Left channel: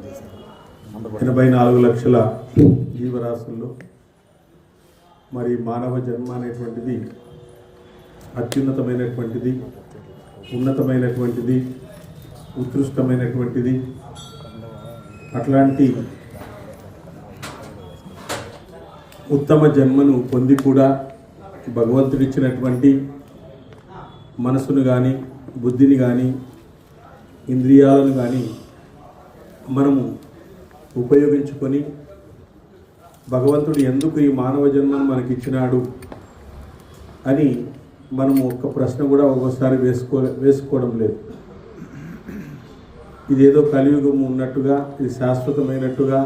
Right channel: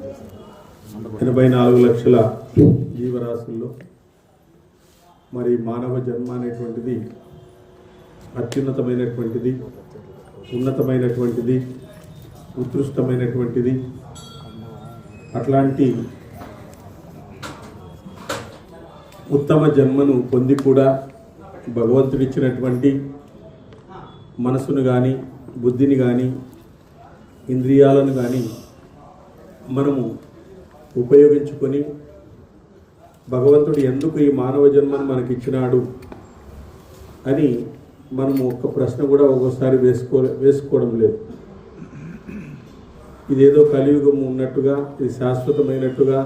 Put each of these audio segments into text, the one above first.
84 లక్షల జీవరాశుల్లో మరి మానవ జన్మ అనేటువంటిది అత్యున్నతమైనటువంటిది, ఉన్నతమైనటువంటిది, ఉత్కృష్టమైనటువంటిది. అట్లాంటి ఉత్తమ జన్మను పొంది కూడా భగవంతుడిచ్చినటువంటి మనసును కానీ, బుద్ధిని కానీ, ఇంద్రియాలను కానీ మనము ఉపయోగించుకొని భగవంతుడు ఎందుకు ఈ మానవ జన్మను మనకిచ్చినాడు అని మనము ఒక్క ప్రశ్న కూడా ఒక్కోసారి వేసుకోవడం లేదు. ఇదేదో కలియుగం ఉన్నట్టుగా, ఇది శాశ్వతమైనట్టుగా,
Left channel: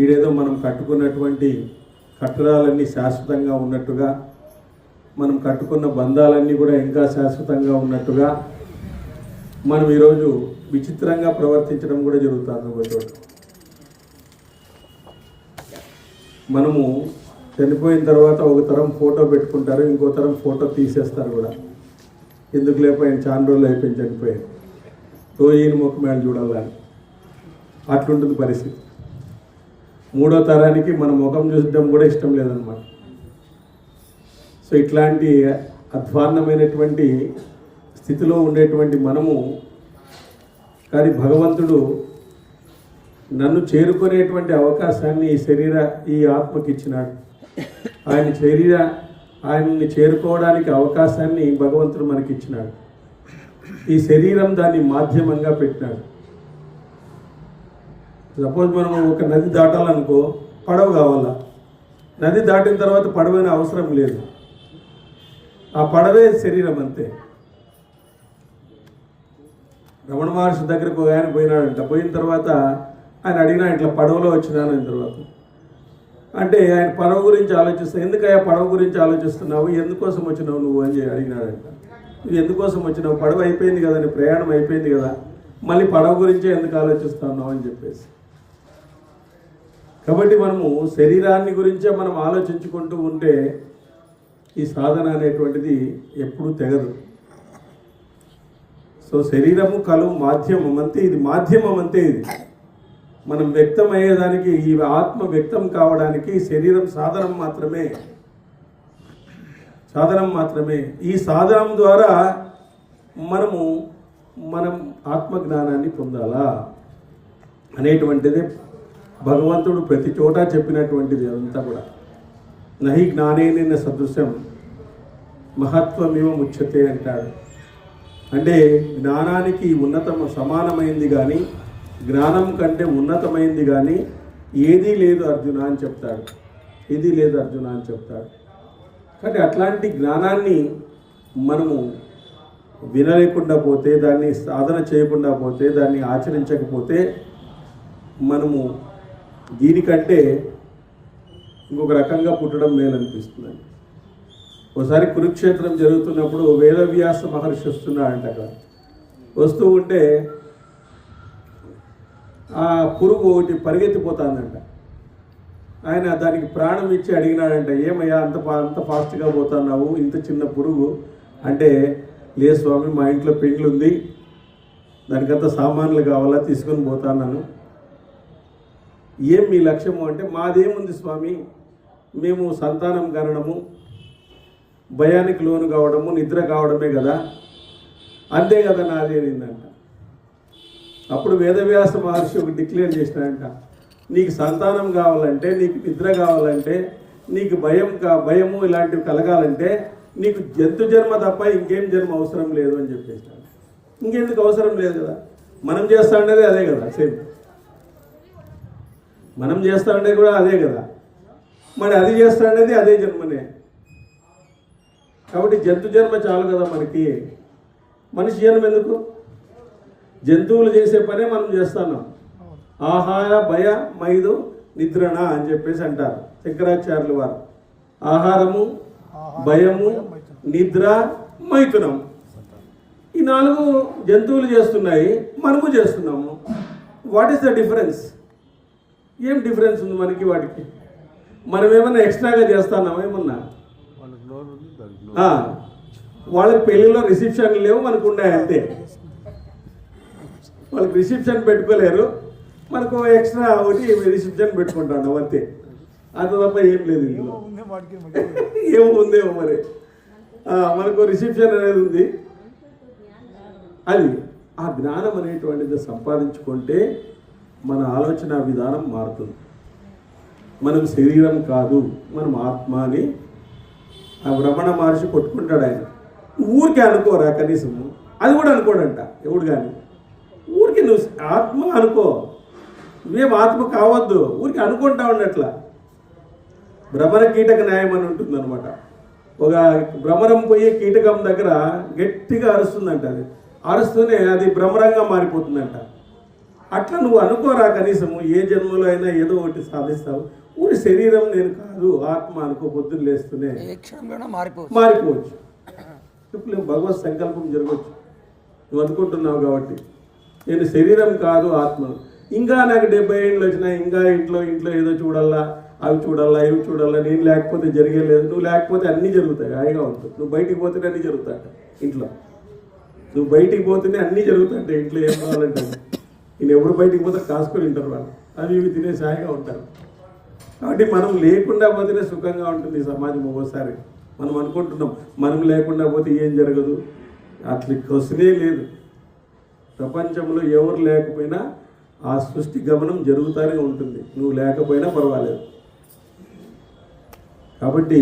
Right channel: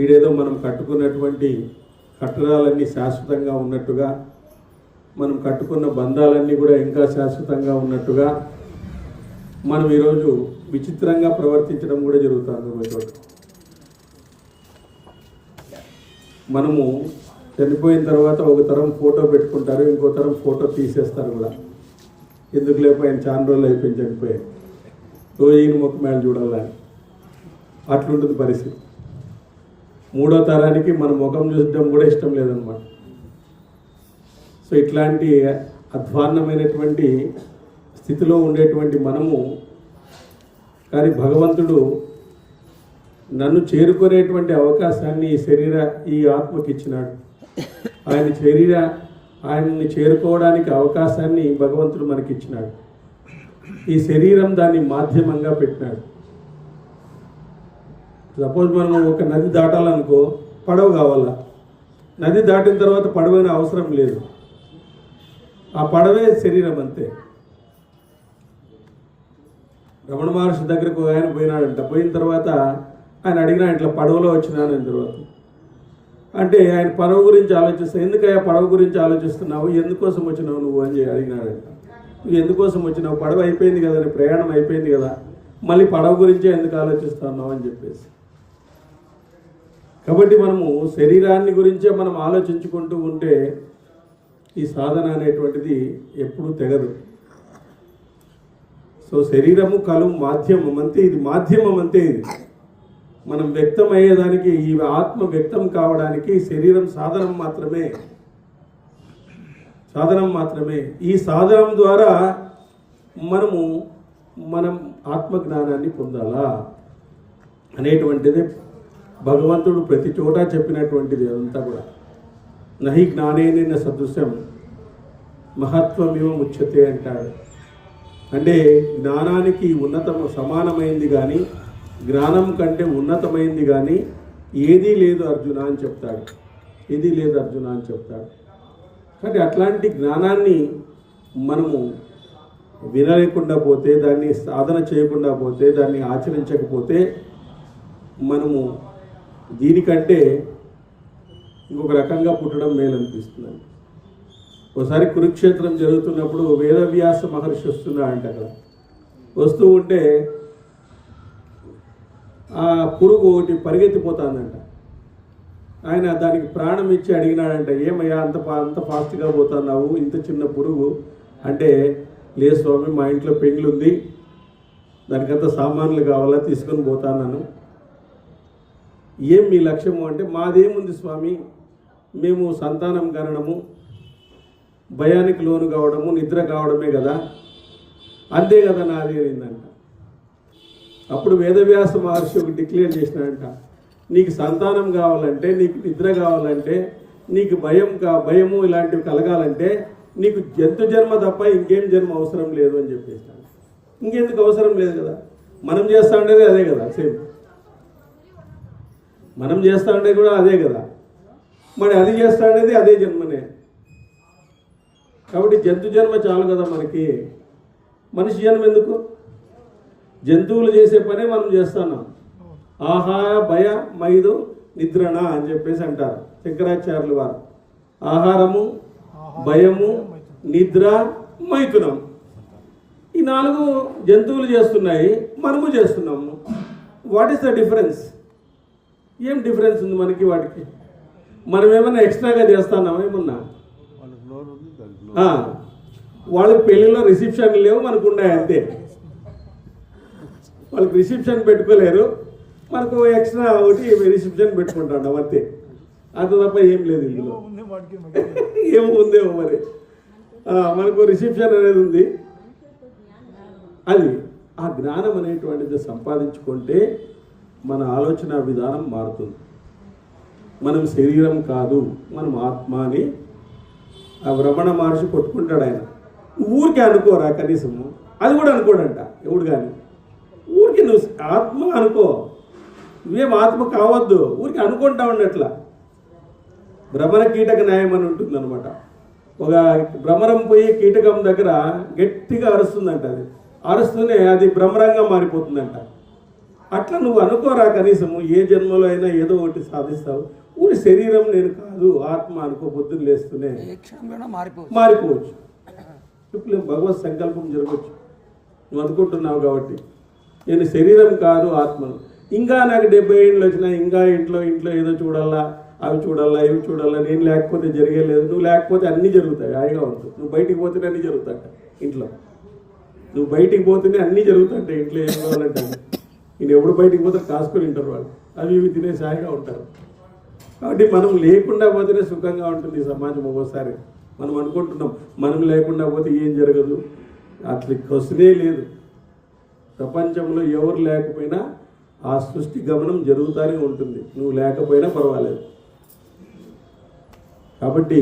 ఈడేదో మనం కట్టుకున్నటువంటి కట్టడాలన్నీ శాశ్వతంగా ఉన్నట్టుగా, మనం కట్టుకున్న బంధాలన్నీ కూడా ఇంకా శాశ్వతంగా ఉన్నట్టుగా మనం ఈరోజు విచిత్రంగా ప్రవర్తించడం కూడా జరుగుతుంది. ఒక చోట మనము చనిపోయిన తర్వాత ఒక తరం ఫోటో పెట్టుకుంటారు, ఇంకో తరం ఫోటో తీసేస్తారు కూడా. ఎందుకు లేకపోయిన చాలా రోజులు అయిపోయింది చనిపోయాను, రోజు ఈయన ముఖం మేళ చూడాలని. అట్లుంటుంది పరిస్థితి. మూడో తరానికి మన ముఖం చూసడం కూడా ఇష్టం లేదన్నమాట. సో ఇట్లాంటి అధ్వాన్నమైనటువంటి స్థితిలో ఉండేటువంటి మనము, కానీ భగవంతుడు నన్ను చేరుకునేటువంటి అవకాశాన్ని ఈ ఆత్మకి ఇచ్చినాడు. ఆయన్ని చేరుకోవడానికి అవకాశాన్ని భగవంతుడు మనకి ఇచ్చినాడు. ఈ శరీరం దాన్ని మాధ్యమంగా పెట్టినాడు. సపోజ్ మనం ఒక నది దాటాలనుకో, పడవ కావాలా. నది దాటిన తర్వాత పడవైన అవసరం లేదు, ఆ పడవే శరీరం అంతే. రమణ మహర్షి దగ్గరకు ఆయన పోయినాడంట. పోయిన తర్వాత ఆయన అడిగినా, ఇట్లా పడవలో వచ్చినాను అయిన తర్వాత. అంటే ఆయన పడవ గురించి ఆలోచిస్తా, ఎందుకయ్యా పడవ గురించి ఆలోచిస్తున్నావు, ఎందుకోసం వచ్చినావు నువ్వు అని అడిగినాడంట. నువ్వు ఎందుకోసం వచ్చినావు, పడవ అయిపోయింది కదా, నీ ప్రయాణం అయిపోయింది కదా, మళ్ళీ పడవ గురించే ఎందుకు ఆలోచిస్తున్నావు అని చెప్పేసి. కాబట్టి మనము శరీరాన్ని గురించే మనం ఆలోచించుకుంటూ ఉంటే ఈ సాధన అనేటువంటిది ఎప్పుడూ తెగదు. సో శరీరము కలువు మాధ్యమం అంతే, ఇది మాధ్యమం అంతే. ఇది మనం వ్యక్తం అయ్యేదానికి, ఈ ఆత్మ వ్యక్తం కావడానికి శరీరం సాధనం మాత్రమే. ఈ సాధనం ద్వారా మనం ఆత్మజ్ఞానాన్ని పొందాలా అనేటువంటిది భగవంతుడు ప్రతి చోట చెప్పినటువంటిది. అదంతా కూడా నహి జ్ఞానేన సదృశం మహత్వమివ ముచ్యతే అంటాడు. అంటే జ్ఞానానికి సమానమైంది కానీ, జ్ఞానం కంటే ఉన్నతమైంది కానీ ఏదీ లేదు అర్జున అని చెప్తాడు. కానీ అట్లాంటి జ్ఞానాన్ని మనము వినలేకుండా పోతే, దాన్ని సాధన చేయకుండా పోతే, దాన్ని ఆచరించకపోతే మనము దీనికంటే ఇంకొక రకంగా పుట్టడం మేలనిపిస్తుందండి. ఒకసారి కురుక్షేత్రం జరుగుతున్నప్పుడు వేదవ్యాస మహర్షి వస్తున్నాడంట. అక్కడ వస్తూ ఉంటే ఆ పురుగు ఒకటి పరిగెత్తిపోతుందంట. ఆయన దానికి ప్రాణం ఇచ్చి అడిగినాడంట, ఏమయ్యా అంత ఫాస్ట్గా పోతున్నావు, ఇంత చిన్న పురుగు అంటే, లే స్వామి, మా ఇంట్లో పెండ్లు ఉంది, దానికంత సామాన్లు కావాలా, తీసుకొని పోతాను. ఏం మీ లక్ష్యము అంటే, మాదేముంది స్వామి, మేము సంతానం కనడము, భయానికి లోను కావడము, నిద్ర కావడమే కదా, అంతే కదా నాది అనిందంట. అప్పుడు వేదవ్యాస మహర్షి ఒక డిక్లేర్ చేసినాడంట, నీకు సంతానం కావాలంటే, నీకు నిద్ర కావాలంటే, నీకు భయము ఇలాంటివి కలగాలంటే నీకు జంతు జన్మ తప్ప ఇంకేం జన్మ అవసరం లేదు అని చెప్పేసినాడు. ఇంకెందుకు అవసరం లేదు కదా, మనం చేస్తా ఉండేది అదే కదా, సేమ్ మనం చేస్తా ఉండేది కూడా అదే కదా, మరి అది చేస్తా ఉండేది అదే జన్మనే. కాబట్టి జంతు జన్మ చాలు కదా మనకి, మనిషి జన్మ ఎందుకు? జంతువులు చేసే పనే మనం చేస్తున్నాం. ఆహార భయ మైదు నిద్రణ అని చెప్పేసి అంటారు శంకరాచార్యుల వారు. ఆహారము, భయము, నిద్ర, మైథునం, ఈ 4 జంతువులు చేస్తున్నాయి, మనము చేస్తున్నాము. What is the difference? ఏం డిఫరెన్స్ ఉంది మనకి వాటికి? మనం ఏమన్నా ఎక్స్ట్రాగా చేస్తున్నామా? ఏమన్నా వాళ్ళకి పెళ్ళిలో రిసెప్షన్ లేవు, మనకు ఉన్నాయి అంతే. వాళ్ళకి రిసెప్షన్ పెట్టుకోలేరు, మనకు ఎక్స్ట్రా ఒకటి రిసెప్షన్ పెట్టుకుంటాడు అంతే, అంత తప్ప ఏం లేదు ఇందులో. ఏమో ఉందేమో మరి. మనకు రిసెప్షన్ అనేది ఉంది. అది ఆ జ్ఞానం అనేటువంటిది సంపాదించుకుంటే మన ఆలోచన విధానం మారుతుంది. మనం శరీరం కాదు, మనం ఆత్మ అని ఆ రమణ మహర్షి కొట్టుకుంటాడు. ఆయన ఊరికే అనుకోరా కనీసము, అది కూడా అనుకోడంట ఎవడు కానీ. ఊరికి నువ్వు ఆత్మ అనుకో, నువ్వేం ఆత్మ కావద్దు, ఊరికి అనుకుంటా ఉండట్లా. భ్రమర కీటక న్యాయం అని ఉంటుందన్నమాట. ఒక భ్రమరం పోయి కీటకం దగ్గర గట్టిగా అరుస్తుందంట. అది అరుస్తూనే అది భ్రమరంగా మారిపోతుందంట. అట్లా నువ్వు అనుకోరా కనీసము, ఏ జన్మలో అయినా ఏదో ఒకటి సాధిస్తావు. ఊరి శరీరం నేను కాదు, ఆత్మ అనుకో, పొద్దున్న లేస్తూనే మారిపోవచ్చు. ఇప్పుడు భగవత్ సంకల్పం జరగవచ్చు. నువ్వు అనుకుంటున్నావు కాబట్టి నేను శరీరం కాదు ఆత్మను. ఇంకా నాకు 70 ఏళ్ళు వచ్చినా ఇంకా ఇంట్లో ఏదో చూడాలా, అవి చూడాలా, ఇవి చూడాలా, నేను లేకపోతే జరిగేలేదు. నువ్వు లేకపోతే అన్నీ జరుగుతాయి, హాయిగా ఉంటుంది. నువ్వు బయటికి పోతేనే అన్నీ జరుగుతాయి ఇంట్లో. నువ్వు బయటికి పోతేనే అన్నీ జరుగుతాయి ఇంట్లో. ఏం కావాలంటే నేను ఎప్పుడు బయటికి పోతే కాసుకొని తింటారు వాళ్ళు, అవి ఇవి తినేసి హాయిగా ఉంటారు. కాబట్టి మనం లేకుండా పోతేనే సుఖంగా ఉంటుంది సమాజం. ఒక్కోసారి మనం అనుకుంటున్నాం మనం లేకుండా పోతే ఏం జరగదు, అట్లా క్వశ్చనే లేదు. ప్రపంచంలో ఎవరు లేకపోయినా ఆ సృష్టి గమనం జరుగుతూనే ఉంటుంది, నువ్వు లేకపోయినా పర్వాలేదు. కాబట్టి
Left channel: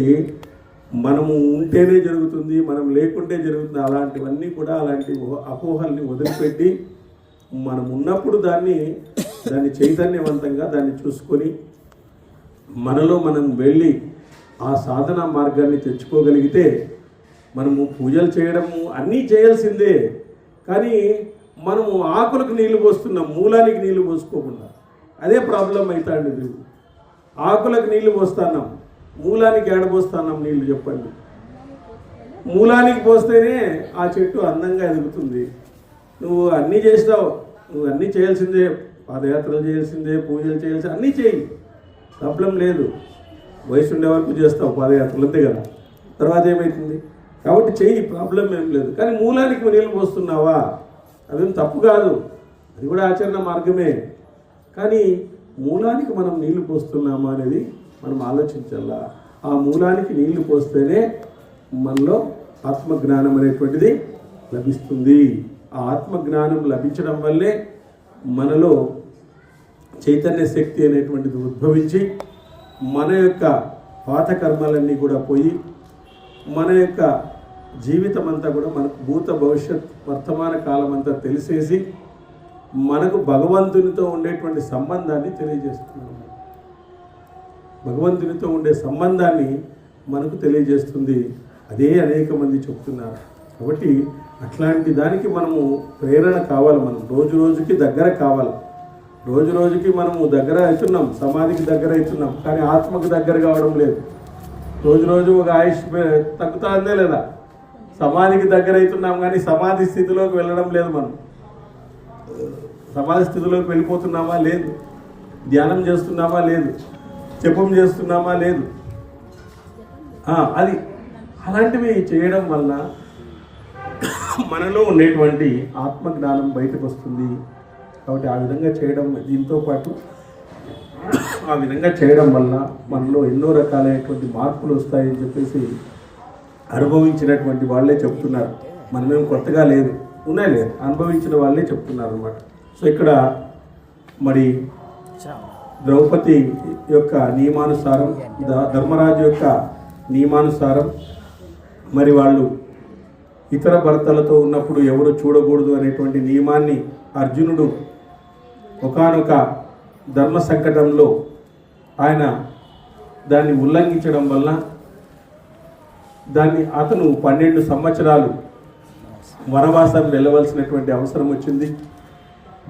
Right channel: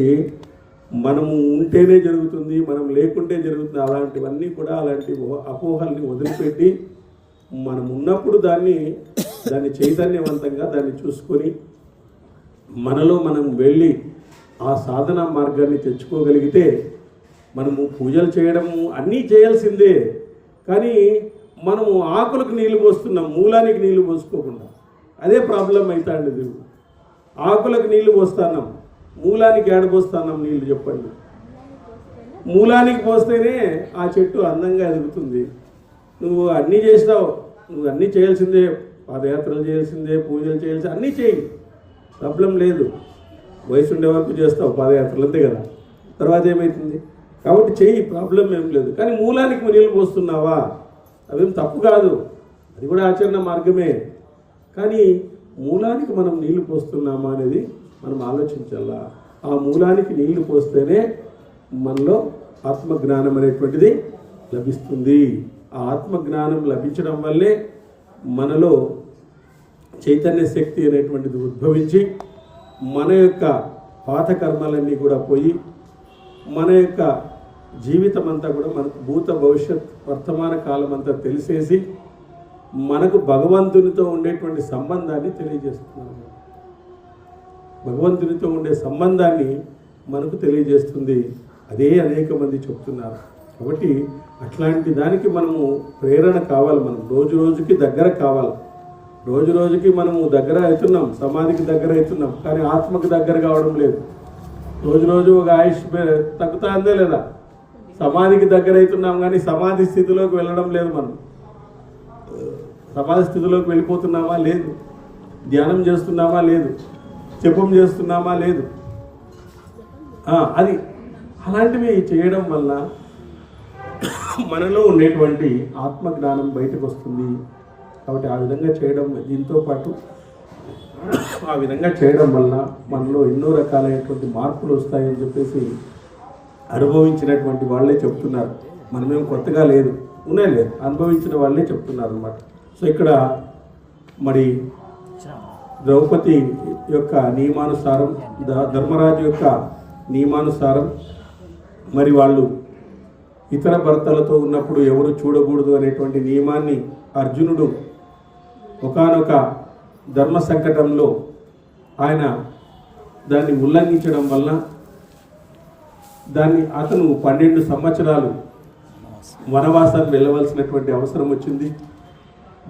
మనము ఉంటేనే జరుగుతుంది, మనం లేకుంటే జరుగుతుంది. అలాంటివన్నీ కూడా అలాంటి అపోహల్ని వదిలిపెట్టి మనం ఉన్నప్పుడు దాన్ని చైతన్యవంతంగా దాన్ని చూసుకొని మనలో మనం వెళ్ళి ఆ సాధన మార్గాన్ని తెచ్చుకోగలిగితే మనము పూజలు చేయడము అన్నీ చేయాల్సిందే. కానీ మనము ఆకులకు నీళ్లు పోస్తున్నాం, మూలానికి నీళ్లు పోసుకోకుండా. అదే ప్రాబ్లం అవుతాండి. ఇది ఆకులకు నీళ్లు పోస్తున్నాం, మూలానికి ఏడపోస్తున్నాం నీళ్లు చెప్పండి. మూలానికి పోస్తేనే ఆ చెట్టు అందంగా ఎదుగుతుంది. నువ్వు అన్నీ చేస్తావు, నువ్వు అన్నీ చేయాల్సిందే, పాదయాత్రలు చేయాల్సిందే, పూజలు చేయాల్సిందే, అన్నీ చేయి, ప్రాబ్లం లేదు. వయసు ఉండే వరకు చేస్తావు పాదయాత్రలు, అంతే కదా. తర్వాత ఏమవుతుంది? కాబట్టి చెయ్యి, ప్రాబ్లం ఏం లేదు. కానీ మూలానికి నీళ్ళు పోస్తున్నావా, అదేం తప్పు కాదు, అది కూడా ఆచరణ మార్గమే. కానీ మూలానికి మనం నీళ్లు పోస్తున్నామా అనేది మనం ఆలోచించాలా. ఆ మూలానికి నీళ్లు పోస్తేనే మనలో ఆత్మజ్ఞానం అనేటువంటిది లభిస్తుంది. ఆ ఆత్మజ్ఞానం లభించడం వల్లే మనలో చైతన్య శక్తి అనేటువంటిది ఉద్భవించి మన యొక్క పాత కర్మలన్నీ కూడా పోయి మన యొక్క జీవితం అంతా కూడా మనకు భూత భవిష్యత్ వర్తమాన కాలం అంతా తెలిసేసి మనకు భగవంతునితో ఉండేటువంటి సంబంధాన్ని తెలియజేస్తున్నాను. భగవంతునితో ఉండే సంబంధాన్ని మనకు తెలియజేస్తుంది. అదే అనేక మంది చెప్తున్నారు. కాబట్టి అట్లాంటి దానికి మనము ప్రేరణ కావాలి. మనం రోజు రోజుకి దగ్గర కావాలి. రోజు రోజుకి మనము దగ్గర అవుతున్నాం, సమాధికి దగ్గర అవుతున్నాం, కానీ ఆత్మకు దగ్గర కావడం లేదు. రోజు రోజు ఒక ఆయుష్ తగ్గుతా అందే లేదా? సమాధికి దగ్గర అవుతున్నాం కానీ సమాధి స్థితిలోకి వెళ్ళడం లేదు. మనం సమాధి స్థితిలోకి వెళ్ళిపోతున్నామా? లేదు. ధ్యానం చేస్తున్నామా? లేదు. జపం చేస్తున్నామా? లేదు. అది అలాంటివి చేయడం వల్ల మనలో ఉండేటువంటి ఆత్మజ్ఞానం బయటకు వస్తుంది. కాబట్టి ఆ విధంగా చేయడం, దీంతో పాటు ఆ విధంగా చేయడం వలన మనలో ఎన్నో రకాలైనటువంటి మార్పులు వస్తాయని చెప్పేసి అనుభవించినటువంటి వాళ్ళే చెప్తున్నారు. మనమేం కొత్తగా లేదు, ఉన్నాయి లేదు, అనుభవించిన వాళ్ళే చెప్తున్నారు అన్నమాట. సో ఇక్కడ మరి ద్రౌపది యొక్క నియమానుసారం, ధర్మరాజు యొక్క నియమానుసారం మరి వాళ్ళు ఇతర భర్తలతో ఉన్నప్పుడు ఎవరు చూడకూడదు అనేటువంటి నియమాన్ని అర్జునుడు ఒకానొక ధర్మ సంకటంలో ఆయన దాన్ని ఉల్లంఘించడం వల్ల అతను 12 సంవత్సరాలు వనవాసం వెళ్ళవలసినటువంటి అవసరం వచ్చింది.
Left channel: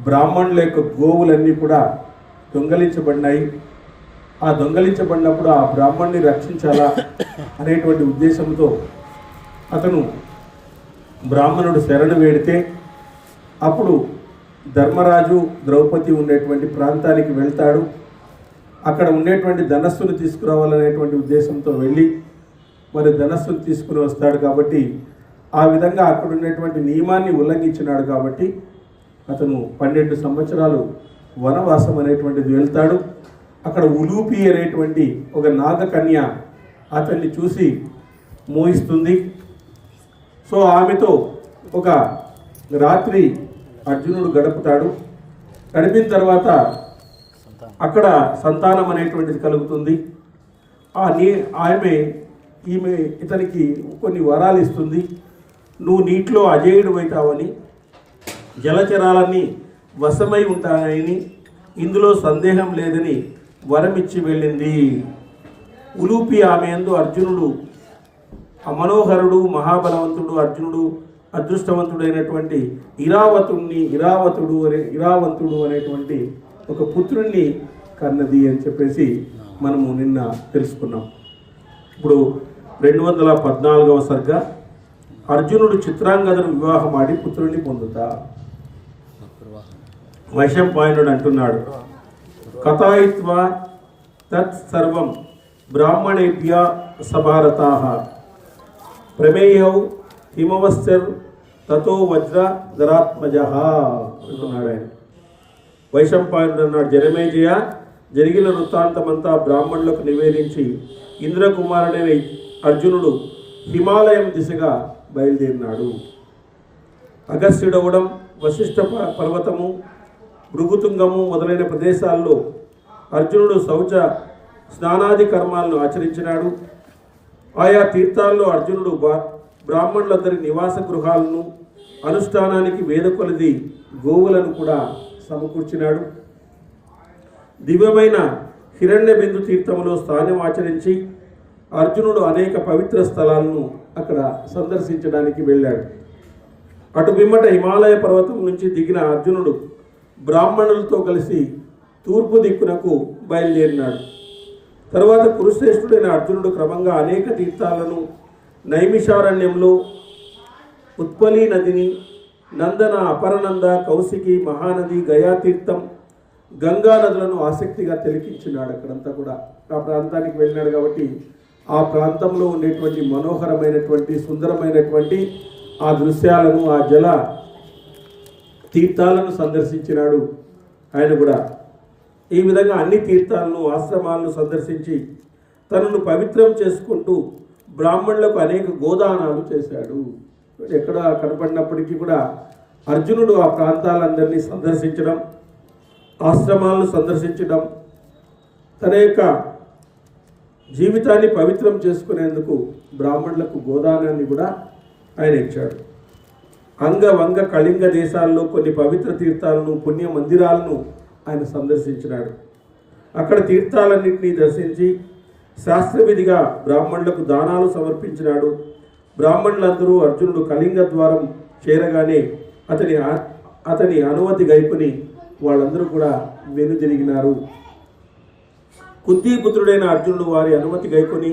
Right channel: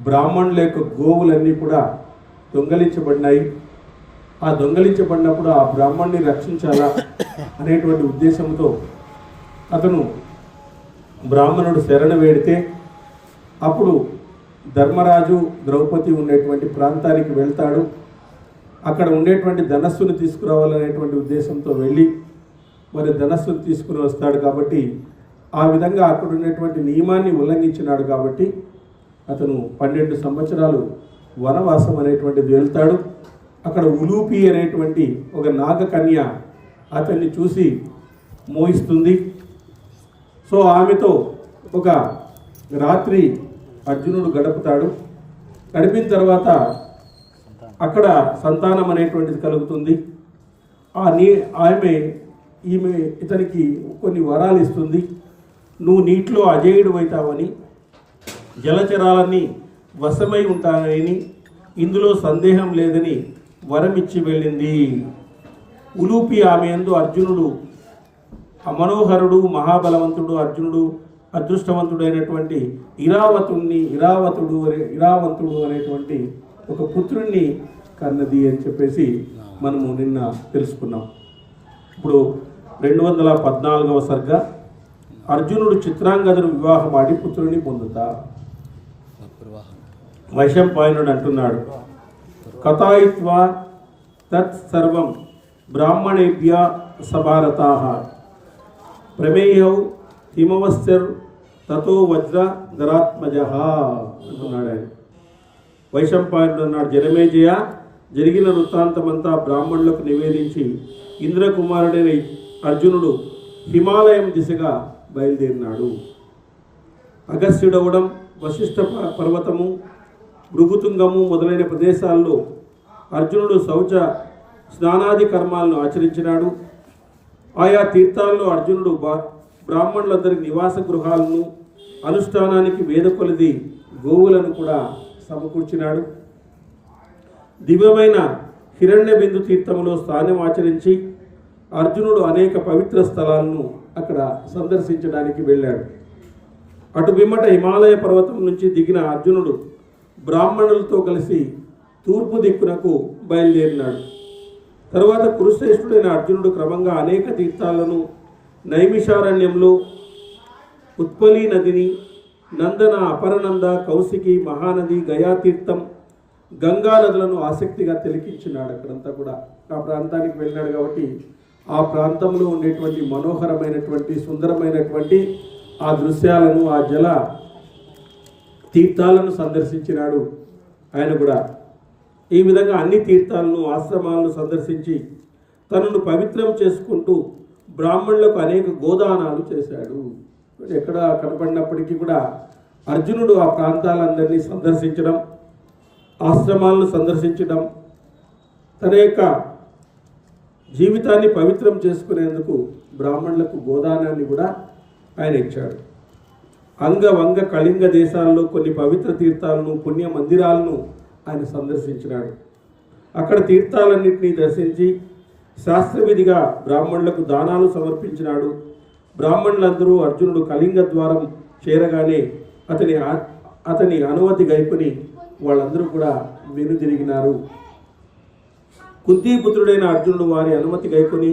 బ్రాహ్మణుల యొక్క గోవులన్నీ కూడా దొంగలించబడినాయి. ఆ దొంగలించబడినప్పుడు ఆ బ్రాహ్మణుని రక్షించాలా అనేటువంటి ఉద్దేశంతో అతను బ్రాహ్మణుడు శరణు వేడితే అప్పుడు ధర్మరాజు ద్రౌపది ఉండేటువంటి ప్రాంతానికి వెళ్తాడు. అక్కడ ఉండేటువంటి ధనస్సును తీసుకురావాలనేటువంటి ఉద్దేశంతో వెళ్ళి మరి ధనస్సును తీసుకుని వస్తాడు. కాబట్టి ఆ విధంగా అక్కడ ఉండేటువంటి నియమాన్ని ఉల్లంఘించినాడు. కాబట్టి అతను 12 సంవత్సరాలు వనవాసం అనేటువంటిది వెళ్తాడు. అక్కడ ఉలూపి అనేటువంటి ఒక నాగకన్య అతన్ని చూసి మోహిస్తుంది. సో ఆమెతో ఒక రాత్రి అర్జునుడు గడుపుతాడు. గడిపిన తర్వాత అక్కడ సంతానం అనేటువంటిది కలుగుతుంది. ఈమె ఇతనికి కొన్ని వరాలు ఇస్తుంది. నువ్వు నీటిలో అజేయుడు అవుతావని, జలచరాలన్నీ వశమై ఉంటానని, ఇందులో సందేహం లేదని వరమిచ్చి వెళ్ళింది. ఉలూపి ఆమె యందు అర్జునుడు అమనోహరుడు, మహాబలవంతుడు, అర్జునుడు అదృష్టవంతుడైనటువంటి ఇరావంతుడు అనేటువంటి ఒక పుత్రుణ్ణి కన్నది అని చెప్పేసి మనము నిన్న తెలుసుకున్నాం. ఇప్పుడు 214వ సర్గ. అర్జునుడు చిత్రాంగదను వివాహం ఆడి పుత్రుని పొందుతా. వైశంపాయనుడు అంటున్నాడు, కథాయిత్వా తత్ సర్వం బ్రాహ్మణేభ్య సభారతాః ప్రమేయౌ హిమవశ్చర్ తతో వజ్ర ధరాత్మజః అంటున్నాడు ఆయన. వైశంపాయనుడు అన్నాడు, జనమేజయ, జరిగిన వృత్తాంతమంతా బ్రాహ్మణులకు నివేదించి ఇంద్రకుమారుడైన అర్జునుడు హిమాలయం దిశగా బయలుదేరినాడు. అగస్త్యుడవడం, వశిష్ఠ పర్వతము, భృగుతుంగము మొదలైన ప్రదేశాల్లో అర్జునుడు శౌచ స్నానాది కర్మాలను ఆచరించినాడు. ఆయా తీర్థాల్లో అర్జునుడు బ్రాహ్మణులందరి నివాస గృహాలను, అనుష్ఠానానికి వేద కొలది గోవులను కూడా సమకూర్చినాడు. దివ్యమైన హిరణ్య బిందు తీర్థములో స్థానం ఆచరించి అర్జునుడు అనేక పవిత్ర స్థలాలను అక్కడ సందర్శించడానికి వెళ్ళాడు. అటు పిమ్మట హిమాలయ పర్వతం నుంచి దిగిన అర్జునుడు బ్రాహ్మణులతో కలిసి తూర్పు దిక్కునకు బయలుదేరినాడు. తర్వాత కురుశ్రేష్ఠుడైన అర్జునుడు క్రమంగా అనేక తీర్థాలను, నైమిషారణ్యంలో ఉత్పలీ నదిని, నందన, అపరనంద, కౌశికి, మహానది, గయాతీర్థం, గంగా నదులను ఆసక్తిగా తిలకించినాడు. అక్కడంతా కూడా ఆ ప్రాంతానికి వెళ్ళినాడు కాబట్టి ఆ ప్రాంతంలో ఉండేటువంటి మనోహరమైనటువంటి, సుందరమైనటువంటి ఆ దృశ్యాలను, ఆ జల తీర్థాలను సందర్శించినాడు ఆయన కూడా. ఈ విధంగా అన్ని తీర్థాలను, ఆశ్రమాలను సందర్శించి తనను పవిత్రం చేసుకుంటూ బ్రాహ్మణులకు అనేక గోదానాలు చేశాడు. ఎక్కడ కనపడినప్పటికీ కూడా అర్జునుడు ఆ ప్రాంతాలందరినీ సందర్శించడం, ఆశ్రమాలను సందర్శించడం, తన యొక్క జీవితాన్ని పవిత్రం చేసుకునేందుకు బ్రాహ్మణులకు గోదానాన్ని కూడా ఆయన ఇచ్చాడు. అంగ, వంగ, కళింగ దేశాల్లో కొన్ని పవిత్ర తీర్థాలను, పుణ్య మందిరాలను ఆయన సందర్శించినాడు. అక్కడ తీర్థాలన్నింటినీ దర్శించి శాస్త్రవిధిగా బ్రాహ్మణులకు దానాలు సమర్పించినాడు. బ్రాహ్మణులందరూ అర్జునుడు కళింగ ద్వారం చేరగానే అతని అనుమతి గైపుని వాళ్ళందరూ కూడా వెనుదిరిగినారు. కుంతీపుత్రుడైన అర్జునుడు వారి అనుమతి గైకొని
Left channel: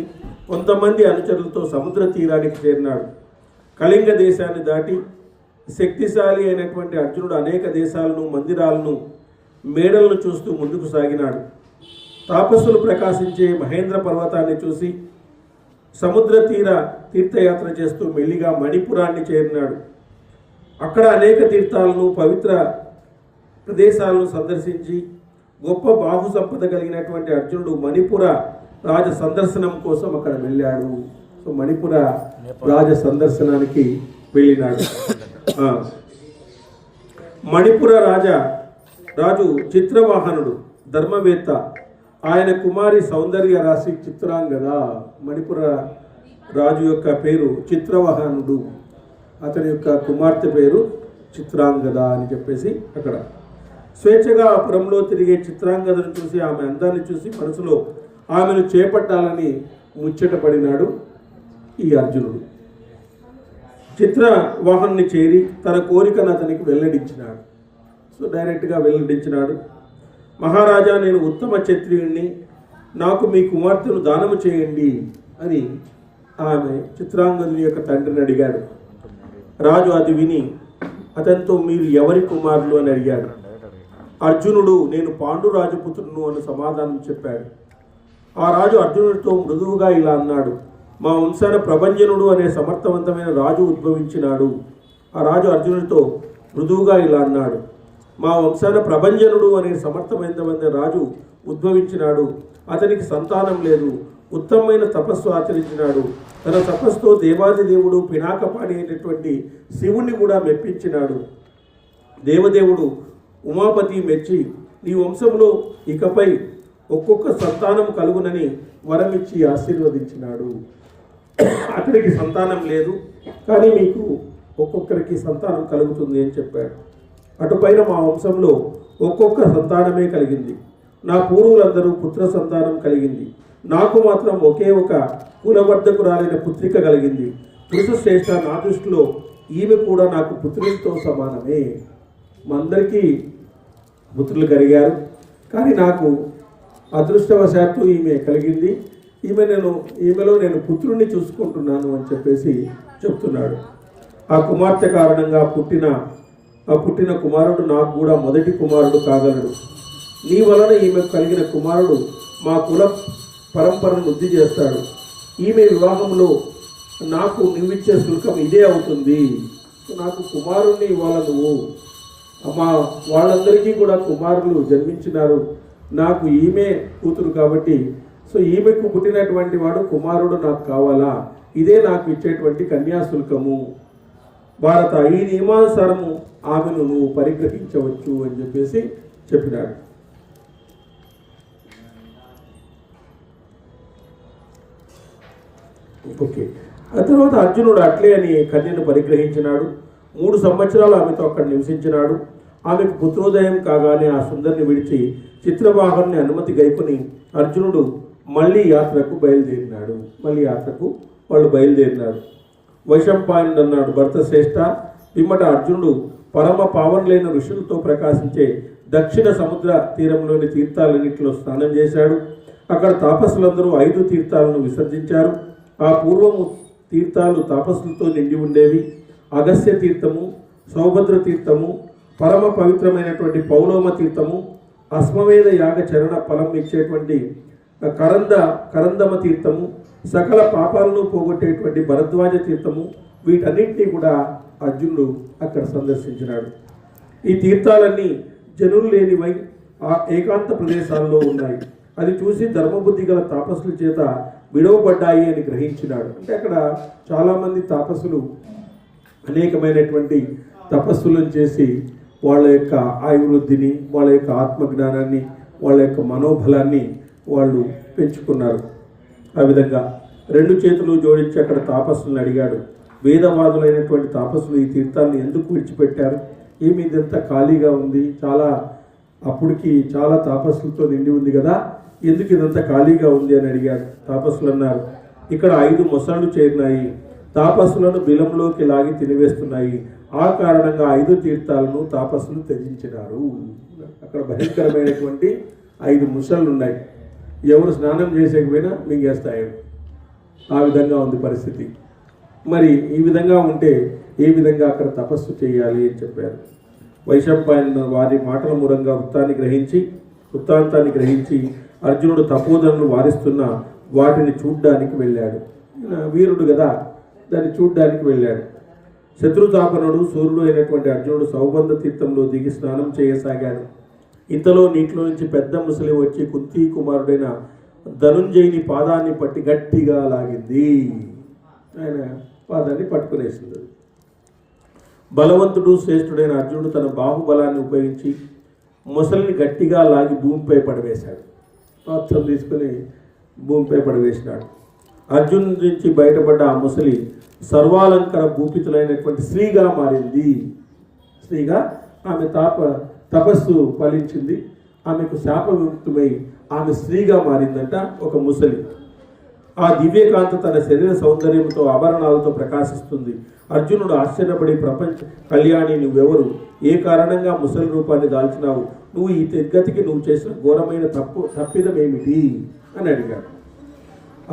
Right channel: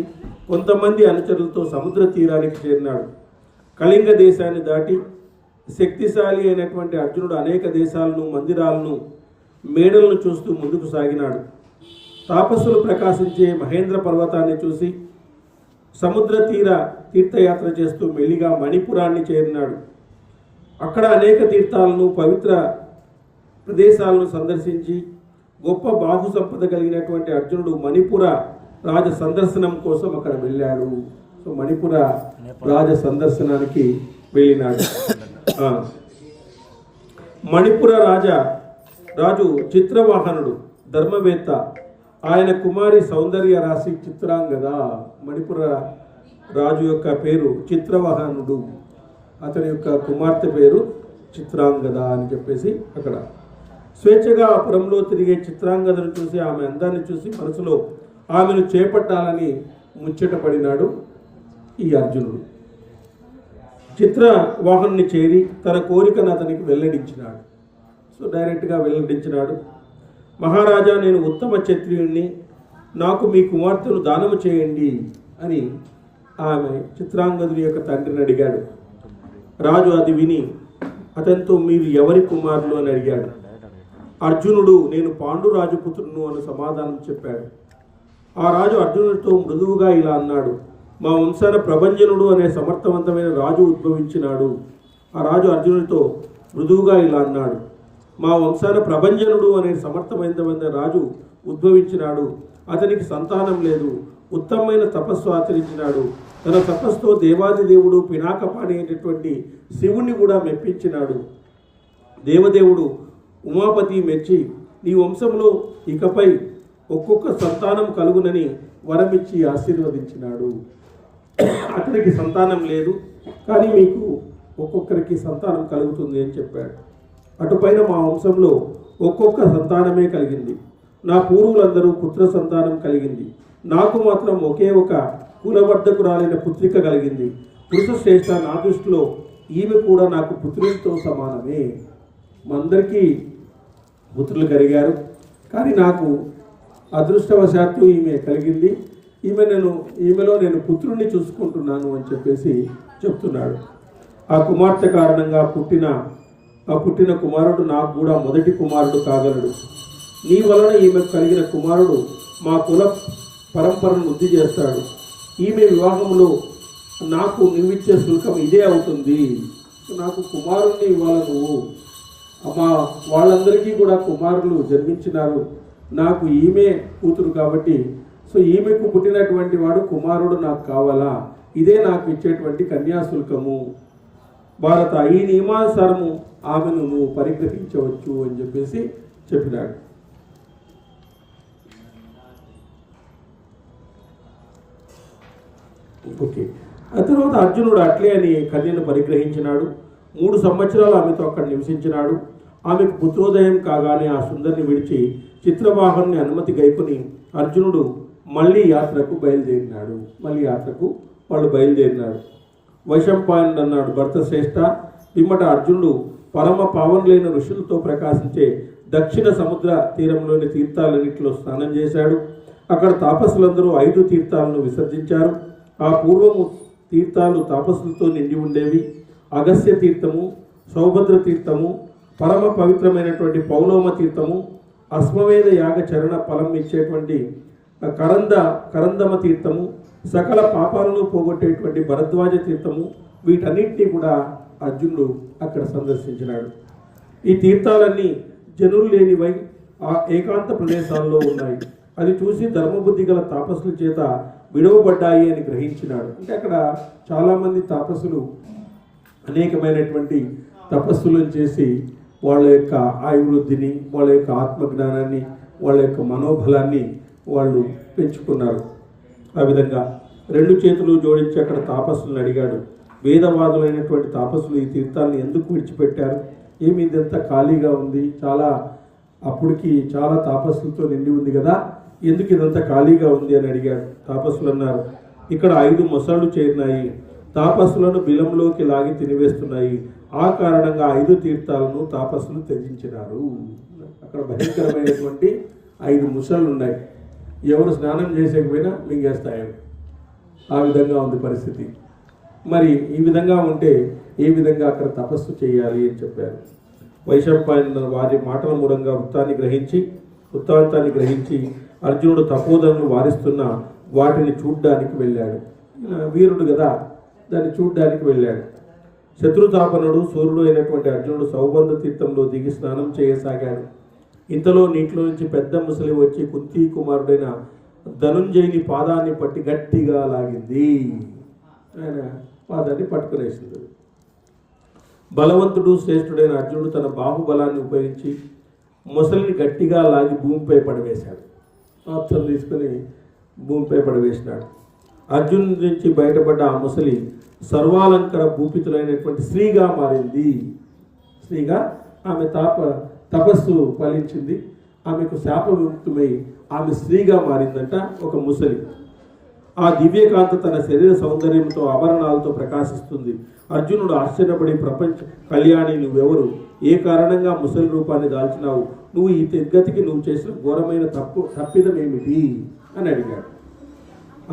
కొంతమంది అనుచరులతో సముద్ర తీరానికి చేరినాడు. కళింగ దేశాన్ని దాటి శక్తిశాలి అయినటువంటి అర్జునుడు అనేక దేశాలను, మందిరాలను, మేడలను చూస్తూ ముందుకు సాగినాడు. తాపస్సులు ప్రకాశించే మహేంద్ర పర్వతాన్ని చూసి సముద్ర తీర్థయాత్ర చేస్తూ మెల్లిగా మణిపురాన్ని చేరినాడు. అక్కడ అనేక తీర్థాలను, పవిత్ర ప్రదేశాలను సందర్శించి గొప్ప బాహు సంపద కలిగినటువంటి అర్జునుడు మణిపుర రాజ సందర్శనం కోసం అక్కడ వెళ్ళాడు. సో మణిపుర రాజ సందర్శనానికి వెళ్ళినాడు. మణిపుర రాజు చిత్రవాహనుడు, ధర్మవేత్త. ఆయన కుమారి సౌందర్య రాశి చిత్రాంగద. మణిపుర రాజు యొక్క పేరు చిత్రవాహనుడు, అతని యొక్క కుమార్తె పేరు చిత్రాంగద అని చెప్పేసి అక్కడ స్వేచ్ఛగా పురంలో తిరిగే చిత్రాంగదను చూసి, ఆమె అందాన్ని చూసి మనసులో ఆమెను చేపట్టాలని ముచ్చటపడినాడు ఈ అర్జునుడు. చిత్రవాహన్ని చేరి తన కోరికను అతనికి వెల్లడించినాడు. సో డైరెక్ట్గా వెల్లడించినాడు. మహారాజా, నేను ఉత్తమ క్షత్రియుణ్ణి, నాకు మీ కుమార్తెను దానము చేయండి అని ఆమె చిత్రాంగదుని యొక్క తండ్రిని అడిగాడు. రాజు అది విని అతనితో మీరు ఎవరి కుమారులు అని అడిగాడు. అర్జునుడు నేను పాండురాజు పుత్రును అని సమాధానం చెప్పాడు. ఆ రాజు అర్జునుడితో మృదువుగా ఇలా అన్నాడు, మా వంశాన ప్రభంజనుడు అనే సమర్థవంతమైన రాజు ఉద్భవించినాడు. ఆ రాజు అర్జునుడితో మృదువుగా ఇలా అన్నాడు, మా వంశాన ప్రభంజనుడు అనే సమర్థమైన రాజు ఉద్భవించినాడు. అతనికి సంతానం లేదు. ఉత్తమమైన తపస్సు ఆచరించినాడు. తన తపస్సుతో దేవాది దేవుడు పినాకపాణి అయినటువంటి శివుణ్ణి కూడా మెప్పించినాడు. దేవదేవుడు ఉమాపతి మెచ్చి నీ వంశంలో ఇకపై ఒక్కొక్క సంతానం కలుగునని వరమిచ్చి ఆశీర్వదించినాడు. అతనికి సంతానం లేదు, కానీ మీకు ఒక్కొక్కరికి సంతానం కలుగుతుంది అని చెప్పాడు. అటుపైన మా వంశంలో ఒక్కొక్క సంతానమే కలిగింది. నా పూర్వులందరూ పుత్ర సంతానం కలిగింది. నాకు మాత్రం ఒకే ఒక కులవర్ధకురాలైన పుత్రిక కలిగింది. పురుష శ్రేష్ఠ, నా దృష్టిలో ఈమె కూడా నాకు పుత్రులతో సమానమే. మా అందరికీ పుత్రులు కానీ నాకు అదృష్టవశాత్తు ఈమె కలిగింది. ఈమెలో నేను పుత్రుణ్ణి చూసుకుంటున్నాను అని చెప్పేసి చెప్తున్నాడు. ఆ కుమార్తె కారణంగా పుట్టిన కుమారుడు నాకు కూడా మొదటి కుమారుడు కాగలడు. నీ వలన ఈమెకు కలిగిన కుమారుడు మా కుల పరంపరను వృద్ధి చేస్తాడు. ఈమె వివాహంలో నాకు నువ్విచ్చే శుల్కం ఇదే అవుతుంది. నాకు కుమారుణ్ణి ఇవ్వాలి నువ్వు. వాళ్ళందరికీ కూడా కుమారులు జన్మించినారు. నాకు ఈమె కూతురు కాబట్టి ఈమెకు పుట్టినటువంటి వాడు కుమారుడు నాకు కావాలా, ఇదే నాకు ఇచ్చేటువంటి కన్యాశుల్కము. భారత ఈ నియమానుసారము ఆమెను నువ్వు పరిగ్రహించవచ్చు అని చెప్పేసి చెప్పినాడు. ఓకే. ఆ తర్వాత అర్జునుడు అట్లే అని కన్యను పరిగ్రహించినాడు. 3 సంవత్సరాలు ఆమెతో అక్కడ నివసించినాడు. ఆమెకు పుత్రోదయం కాగానే ఆ సుందరిని విడిచి చిత్రవాహన్ని అనుమతి గైకొని అర్జునుడు మళ్ళీ యాత్రకు బయలుదేరినాడు. వైశంపాయనుడు అన్నాడు, భరత శ్రేష్ఠ, పిమ్మట అర్జునుడు పరమ పావనులైన ఋషులతో ప్రకాశించే దక్షిణ సముద్ర తీరంలోని తీర్థాలన్నింటిలో స్నానం చేశాడు. అక్కడ తాపసులందరూ 5 తీర్థాలను విసర్జించారు. ఆ పూర్వము తీర్థాలు తాపసులతో నిండి ఉండేవి. అగస్త్య తీర్థము, సౌభద్ర తీర్థము, పరమ పవిత్రమైనటువంటి పౌలోమ తీర్థము, అశ్వమేధ యాగ చరణ ఫలం ఇచ్చేటువంటి కరందమ తీర్థము, సకల పాపాలను పోగొట్టేటువంటి భరద్వాజ తీర్థము, వీటన్నింటినీ కూడా అర్జునుడు అక్కడ సందర్శించినాడు. ఈ తీర్థాలన్నీ జనులు లేనివై ఆ ఏకాంత ప్రదేశాల్లో ఉన్నాయి. అది చూసి ధర్మబుద్ధి గల తాపసుల చేత విడవబడ్డాయి అని గ్రహించినాడు. అంటే అక్కడ చాలామంది తాపసులు అనేకమైనటువంటి తపస్సులను చేసి వాళ్ళ యొక్క ఆయువృద్ధిని, వాళ్ళ యొక్క ఆత్మజ్ఞానాన్ని, వాళ్ళ యొక్క మనోబలాన్ని వాళ్ళు పెంచుకున్నారు. ఆ విధంగా 2 చేతులు జోడించి అక్కడ తాపస్సులను అడిగాడు, వేదవాదులైనటువంటి తాపస్సులు ఈ తీర్థాలను ఎందుకు విడిచిపెట్టారు? ఏమి ఇదంతా ఖాళీగా ఉంది, అప్పటికి చాలా తాపస్సులతో నిండి ఉంది కదా, ఎందుకు ఇదంతా ఖాళీగా ఉంది అని అడిగాడు. తాపస్సులు అన్నారు, ఇక్కడ 5 మొసళ్ళు చేరినాయి, తాపస్సులను బిలంలోకి లాగి తినివేస్తున్నాయి. ఆ కారణంగా 5 తీర్థాలను తాపస్సులు త్యజించినారు. అక్కడ భయంకరమైనటువంటి 5 ముసళ్ళు ఉన్నాయి. ఎవరు స్నానం చేసేకపోయినా మింగేస్తాయి. ఆ విధంగా ఉంది పరిస్థితి. మరి ఈ విధంగా ఉంటే ఏ విధంగా అక్కడ తపస్సు చేయాలి అని చెప్పారు. వైశంపాయనుడు వారి మాటల మూలంగా వృత్తాంతాన్ని గ్రహించి అర్జునుడు తపోధనను వారిస్తున్న వాటిని చూడ్డానికి వెళ్ళాడు. వీరుడు కదా, దాన్ని చూడ్డానికి వెళ్ళాడు. శత్రుతాపనుడు సూర్యుడు అయినటువంటి అర్జునుడు సౌబంధ తీర్థంలో దిగి స్నానం చేయసాగాడు. ఇంతలో నీటిలో నుంచి పెద్ద ముసలి వచ్చి కుంతీ కుమారుడైన ధనుంజయుని పాదాన్ని పట్టి గట్టిగా లాగింది. ఆయన పాదాన్ని పట్టుకునేసింది. బలవంతుడు శ్రేష్ఠుడైన అర్జునుడు తన బాహుబలాన్ని ఉపయోగించి ముసలిని గట్టిగా లాగి భూమిపై పడవేశాడు. పాత్రలు తీసుకుని భూమిపై పడవేసినాడు. అర్జునుడి నుంచి బయటపడ్డ ఆ ముసలి సర్వాలంకర భూపితులైనటువంటి స్త్రీగా మారింది. స్త్రీగా ఆమె తపస్సు ఫలించింది. ఆమెకు శాప విముక్తమై ఆమె స్త్రీగా మారిందంట ఒక ముసలి. ఆ దివ్యకాంత తన శరీర సౌందర్యంతో ఆభరణాలతో ప్రకాశిస్తుంది. అర్జునుడు ఆశ్చర్యపడి, ప్రపంచ కళ్యాణి, నువ్వెవరు? ఏ కారణంగా ముసలి రూపాన్ని దాల్చినావు? నువ్వు ఈ గతికి నువ్వు చేసిన ఘోరమైన తప్పిదం ఏమిటి అని అడిగాడు.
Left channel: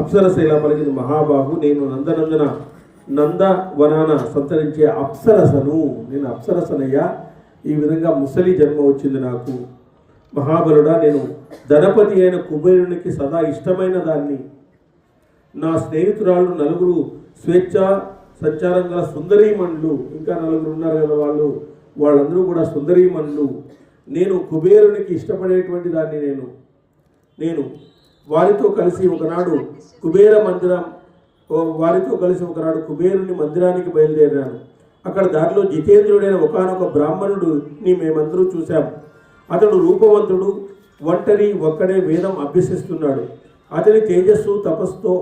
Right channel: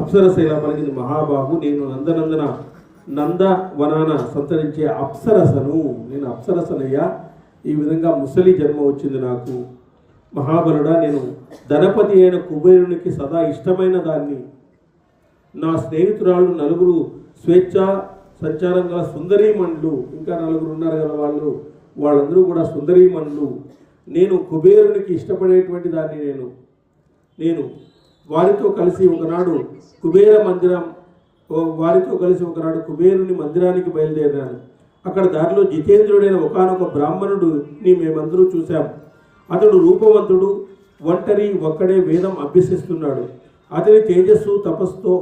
అప్సరశైల పలికింది, మహాబాహు, నేను నందవనాన సంతరించే అప్సరసను. నేను అప్సరసనయ్యా. ఈ విధంగా ముసలి జన్మ వచ్చింది నాకు. మహాబలుడా, నేను ధనపతి అయిన కుబేరునికి సదా ఇష్టమైన దాన్ని. నా స్నేహితురాళ్ళు 4 స్వేచ్ఛ సంచారం గల సుందరీమణులు, ఇంకా 4 ఉన్నారు కదా, వాళ్ళు వాళ్ళందరూ కూడా సుందరీమణులు. నేను కుబేరునికి ఇష్టపడేటువంటి దాన్ని నేను వారితో కలిసి ఒకనాడు కుబేరుని మందిరానికి బయలుదేరాను. అక్కడ దారిలో జితేంద్రుడైన ఒకానొక బ్రాహ్మణుడిని మేమందరూ చూశాం. అతడు రూపవంతుడు, ఒక్కడే వేదం అభ్యసిస్తున్నాడు. అతని తేజస్సు తపస్సుతో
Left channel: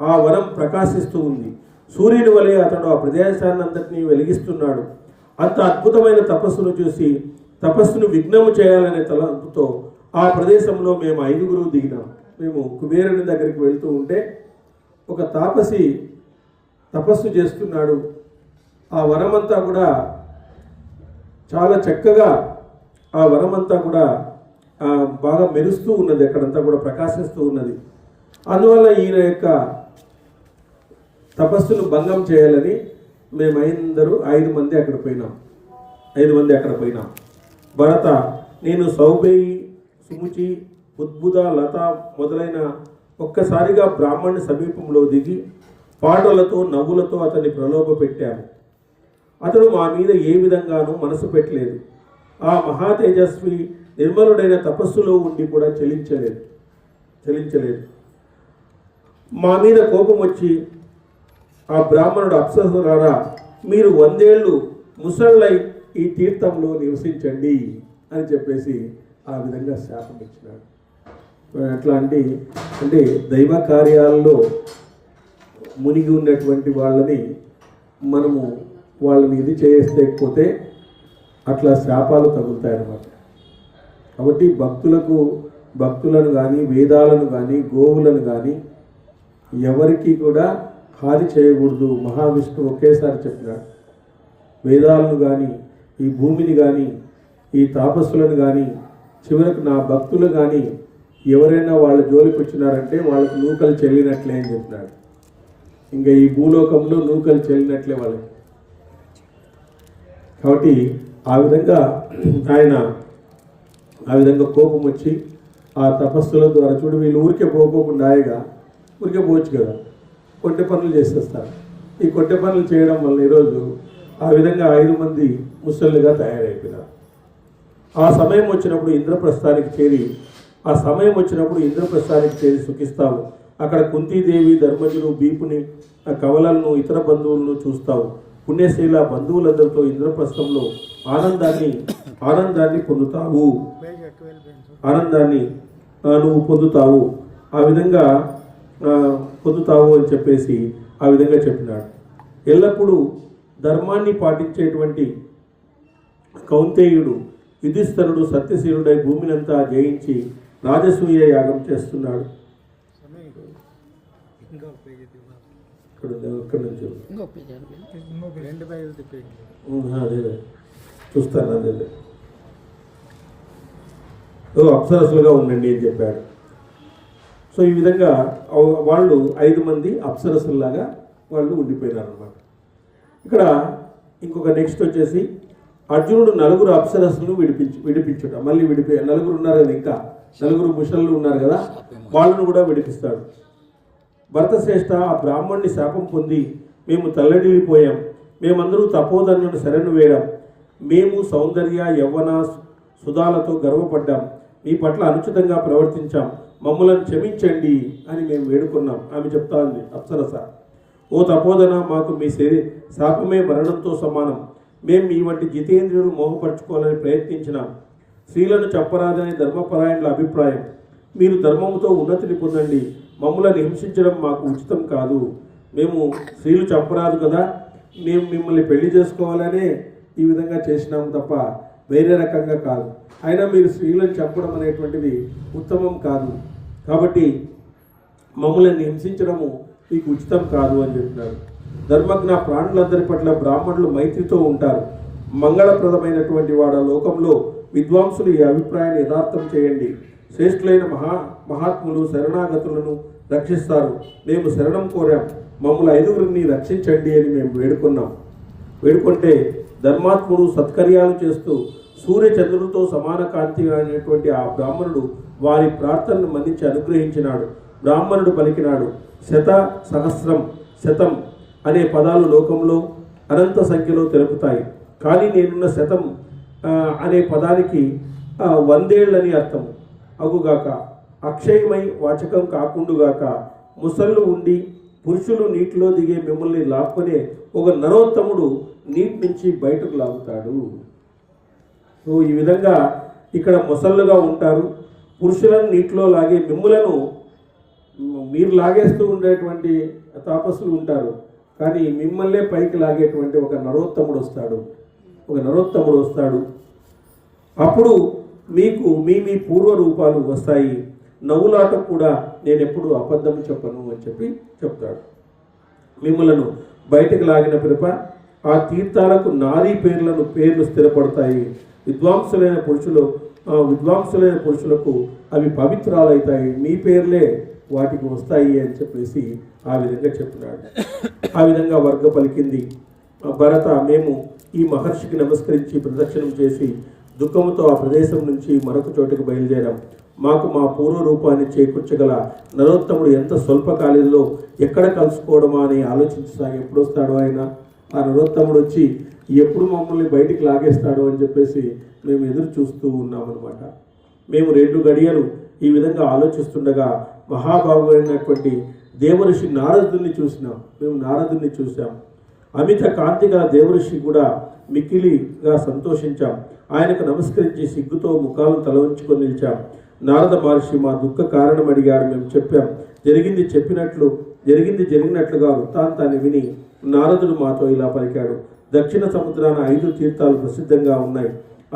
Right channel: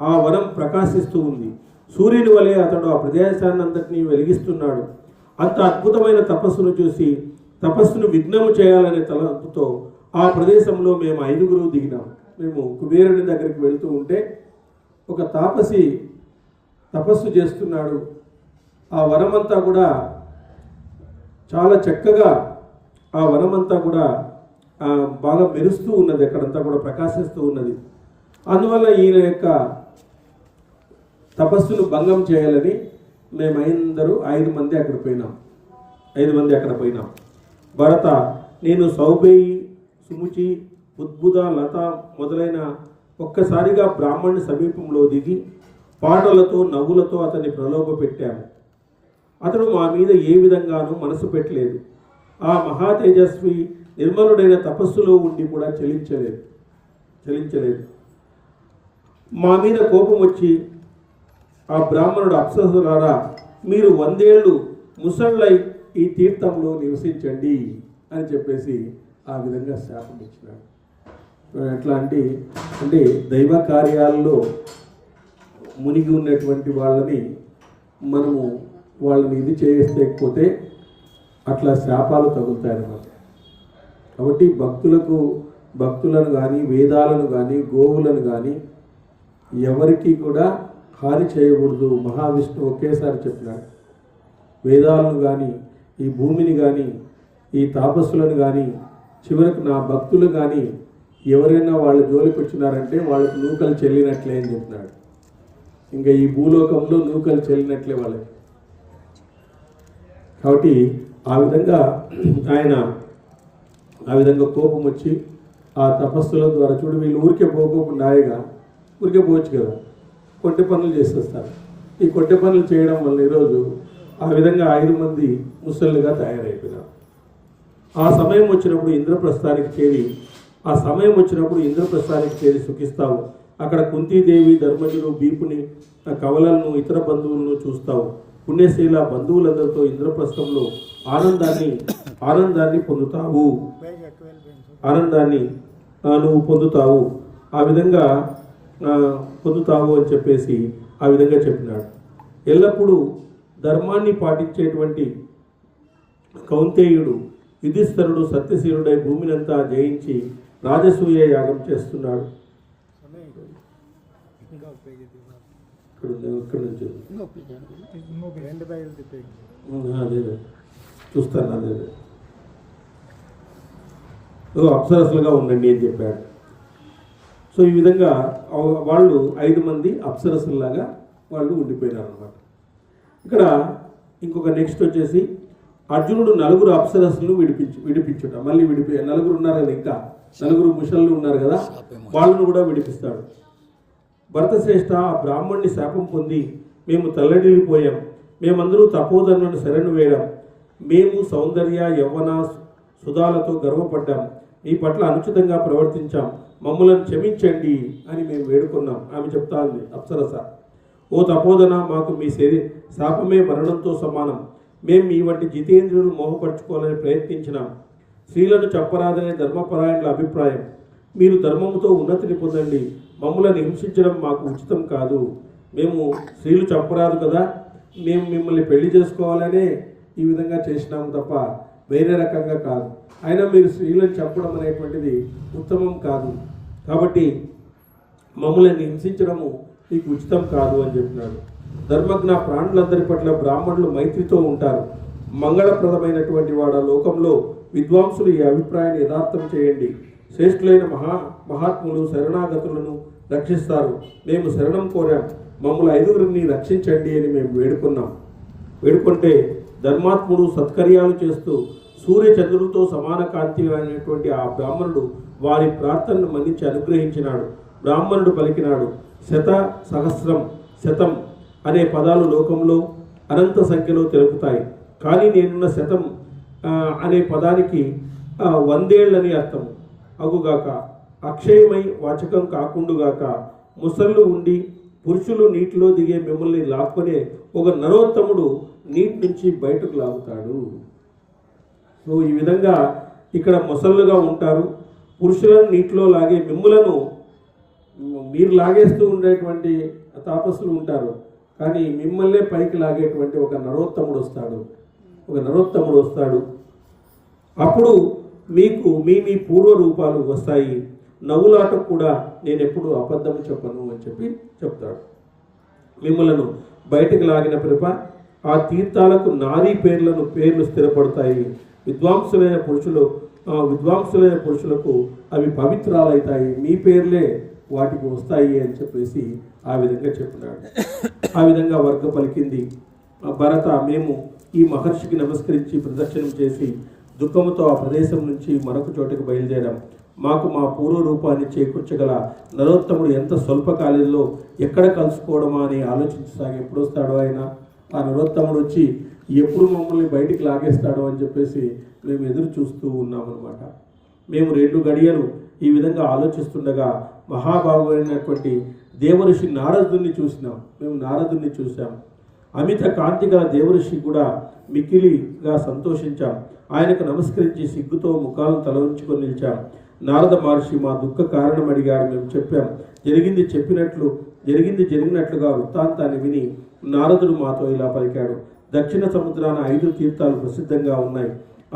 ఆ వరం ప్రకాశిస్తూ ఉంది. సూర్యుని వలె అతడు ఆ ప్రదేశాన్నంతటినీ వెలిగిస్తున్నాడు. అంత అద్భుతమైన తపస్సును చూసి తపస్సును విఘ్నము చేయాలనే తలంపుతో ఆ ప్రదేశంలో మేము 5గురు దిగినాం. మేము కుబేరుని దగ్గరికి వెళ్తూ ఉంటే ఒక తాపసి తపస్సు చేస్తున్నాడు. ఆ వనమంతా కూడా చాలా చక్కగా బాగా మెరుస్తూ ఉన్నది, అక్కడంతా కూడా ప్రకాశిస్తూ ఉన్నది. అందువల్ల ఈయన యొక్క తపస్సును భంగం చేయాలని మేము 5 మంది అక్కడ పోయినాం. భరత, నేను సౌబేయి, సుముచి, ఉద్భుత, లత మొదలైన ఒక్కసారిగా బ్రాహ్మణుని సమీపంలో దిగి పాటలతో నవ్వులతో అతన్ని ప్రలోభ పెట్టాము. అతడు మా మీద ఏ విధంగానూ మనసు పెట్టలేదు. ఆ మహా తేజస్వి నిర్మలుడైన తపస్సులో ఉండి కూడా చలించలేదు. మా మీద కోపం వచ్చి ఆ బ్రాహ్మణుడు, అప్సరసులారా, మీరు 100 ఏళ్ళు ముసళ్ళై ఈ తీర్థంలో నివసించండి అని చెప్పేసి ఆ విధంగా శాపం ఇచ్చినాడు. ఎట్లా అంటే దైవ కార్యాలలో మునిగి ఉన్నటువంటి వాళ్ళని ఇది చేయకపోతే అట్లా శాపాలు తగులుతాయన్నమాట. కాబట్టి భక్తులను కానీ, వేదాలను కానీ, గోవులను కానీ ఎవరికి కూడా హాని చేయకూడదు. మహావిష్ణువు ఒకేసారి చెప్పినాడు. వేదాలను కానీ, ఈ భూమిని కానీ, ఈ తాపస్సులను కానీ, చివరకు నా భక్తులు కానీ ఎవరైనా వాళ్ళ జోలికి వచ్చినారంటే వాళ్ళకు నూకలు చెల్లినట్లే అని చెప్పినాడు. ఇంకా ఈ భూలోకంలో నూకలు చెల్లినట్లే వాళ్ళకి. కాబట్టి ఆ విధంగా కోపం వచ్చి ఆ తపస్సుల ద్వారా చూడు, వీళ్ళు ఊరికే పోకుండా ఊరికే పోవచ్చు కదా, కొట్టె పనులు చేసేస్తారు. ఈ కొట్టె పనులు చేయడం వల్ల ఈరోజు ఆ విధంగా 5 మంది ముసళ్ళుగా తయారైపోయినారు. ఆ సమయం వచ్చినప్పుడు ఇంద్రప్రస్థానికి చేరి సుఖిస్తావు. అక్కడ కుంతీదేవి, ధర్మజుడు, భీపుని, కవలలను, ఇతర బంధువులను చూస్తావు. పుణ్యశీల బంధువులందరితో ఇంద్రప్రస్థంలో ఆనందాన్ని నువ్వు పొందుతావు. ఆ విధంగా పొందుతావు అని చెప్పేసి ఆ విధంగా చెప్పినాడు. ఎల్లప్పుడూ ధర్మాన్ని పాటించేటువంటి కౌంతేయుడు యుధిష్ఠరుడు సత్యశీలుడై భూమినంతా జయించి రాజసూయ యాగం చేస్తున్నాడు. చూస్తాను, అదే అప్సరసులుగా ఉండండి అని చెప్పాడు. సో ఈ విధంగా వాళ్ళు 5 మంది అప్సరసుల్లాగా వాళ్ళు ఉండిపోయినారు అన్నమాట. ఇక్కడ ఇంకొక నెక్స్ట్ వచ్చేసి అర్జునుడు 4 అప్సరసులను విడిపించుట. మళ్ళీ 4 ఉన్నారు కదా, ఇంకా 4 ముషళ్ళు ఉన్నారు కదా, వాళ్ళను కూడా విడిపిస్తాడు. భరతశ్రేష్ఠ, ఆ బ్రాహ్మణ్ణి శాపం పొంది మేము తల్లడిల్లిపోయాం. మేమందరూ తపోధనులను శరణు వేయడం. మేము సౌందర్య, యవ్వన, సుధాలతో గర్వపడ్డాం. మీ పట్ల అనుచితంగా ప్రవర్తించాం. మమ్మలను క్షమించండి అని మేము వేడుకున్నాం. ఆమె చెప్తా ఉంది అప్సరస. ఓ తపోధన, మాకు మీ శాపమే మరణంతో సమానం. మేము మీ వంటి జితేంద్రులు మోహపరుచుకోవాలని ప్రయత్నించినాం. స్త్రీలను చెప్పరాదనే ధర్మపరాయణుల అభిప్రాయం. మీరు ధర్మముతో ఉన్నతిని పొందండి. మమ్మల్ని హింసించడం మాకు ఉచితం కాదు. మేము స్త్రీలు చంపరాదు కదా, మేము మిమ్మల్ని పెళ్లి చేసుకోవాలనే ఈ విధంగా చేసినాము తప్ప వేరే రకంగా కాదు. అయినా మీరు స్త్రీలను చంపడం అనేటువంటిది ఉత్తమం కాదు. కాబట్టి మమ్మల్ని హింసించడము మీకు ఉచితం కాదు అని చెప్పినాడు. ధర్మజ్ఞ ప్రాణులందరి పట్ల బ్రాహ్మణులు మైత్రితో ఉంటారు. మంగళప్రదమైనటువంటి వాడ లోకంలో విద్వాంసులు ఈ అభిప్రాయాన్ని యథార్థం చేయండి. శ్రేష్ఠులైన మహాత్ములు శరణాగతులను రక్షిస్తారు. మేము శరణం కోరాం. మమ్మల్ని 5గురిని రక్షించండి అని మేము వేడుకుంటే ధర్మాత్ముడు సత్కర్యాలు చేస్తూ సూర్యచంద్రులతో సమాన కాంతి అనేటువంటి ఆ బ్రాహ్మణుడు వారి ప్రార్థనను మన్నించి అనుగ్రహించినాడు. బ్రాహ్మణుడు పలికినాడు, శత, సహస్రం, శతం అనే పదాలు లోకంలో అనంత సంఖ్యలో తెలుపుతాయి. కానీ నేనున్న శతం అనే పదానికి 100 ఏళ్ళని అర్థం అగుగాక, అక్షయమై వాచకం కాకుండుగాక, ముసళ్ళు ఉండి పురుషులు నీటిలో దిగే మిమ్మల్ని లాక్కునే ఒక నరోత్తముడు నీటి నుంచి బయటకు లాగుతాడు. సో ఈ విధంగా ఇక్కడ ముసళ్ళుగా ఉంటారు, పురుషులను నీటిలో లాగే మిమ్ములను మీరు లాగేస్తూ ఉండేటువంటి తాపస్సులు ఉంటారు, కానీ మిమ్మల్నే పైకి లాగేటువంటి ఒక నరోత్తముడు వస్తాడు. అప్పుడు మీకు మీ పూర్వ రూపాలు వస్తాయి. నవ్వులాటకు కూడా నేను ఎప్పుడు అబద్ధం చెప్పను అని చెప్తాడు. మిమ్మలను బయటకు లాగిన పిదప ఆ తీర్థాలకు నారీ పేర్లు స్థిరపడతాయి. విద్వాంసులైన పురుషులకు అవి పవిత్రాలవుతాయి. మీ పేర్లే వాటికి వస్తాయి అని చెప్పేసి ఆ విధంగా చెప్పినాడు. ఆ విధంగా వర్గ పలికింది. భరత, మేము ఈ మహర్షికి నమస్కరించి ప్రదక్షిణం చేసి దుఃఖంతో ఆ ప్రదేశం నుంచి మరొక చోటుకు బయలుదేరాం. మాకు మా పూర్వ రూపాన్ని చేకూర్చగల నరోత్తముడు ఎంత స్వల్పకాలంలో ఎక్కడ కలుసుకోవడమా అని ఆలోచించసాగి ఎప్పుడు వస్తాడో ఆయన, ఆ నరోత్తముడు వచ్చి ఎప్పుడు మమ్మల్ని బయటికి లాగేస్తాడో అని చెప్పేసి మేము ఎదురు చూస్తూ ఉన్నామన్నమాట. మేము 2 గడియలు ఈ విధంగా ఆలోచిస్తుండగా మహాభాగుడైనటువంటి దేవఋషి నారదుని చూసాం. అమిత కాంతి గల దేవఋషి కూడా మిక్కిలిగా సంతోషించాం. ఆయనకు నమస్కరించి సిగ్గుతో ముఖాలను తలవంచుకొని నిలిచాం. నారద మహర్షి మా దుఃఖ కారణం అడిగాడు. మేము చెప్పాం. జరిగినట్లుగా వృత్తాంతాన్ని విని నారదుడు మాతో ఇలా పలికాడు. దక్షిణ సముద్రాన 5 తీర్థాలు ప్రసిద్ధంగా ఉన్నాయి.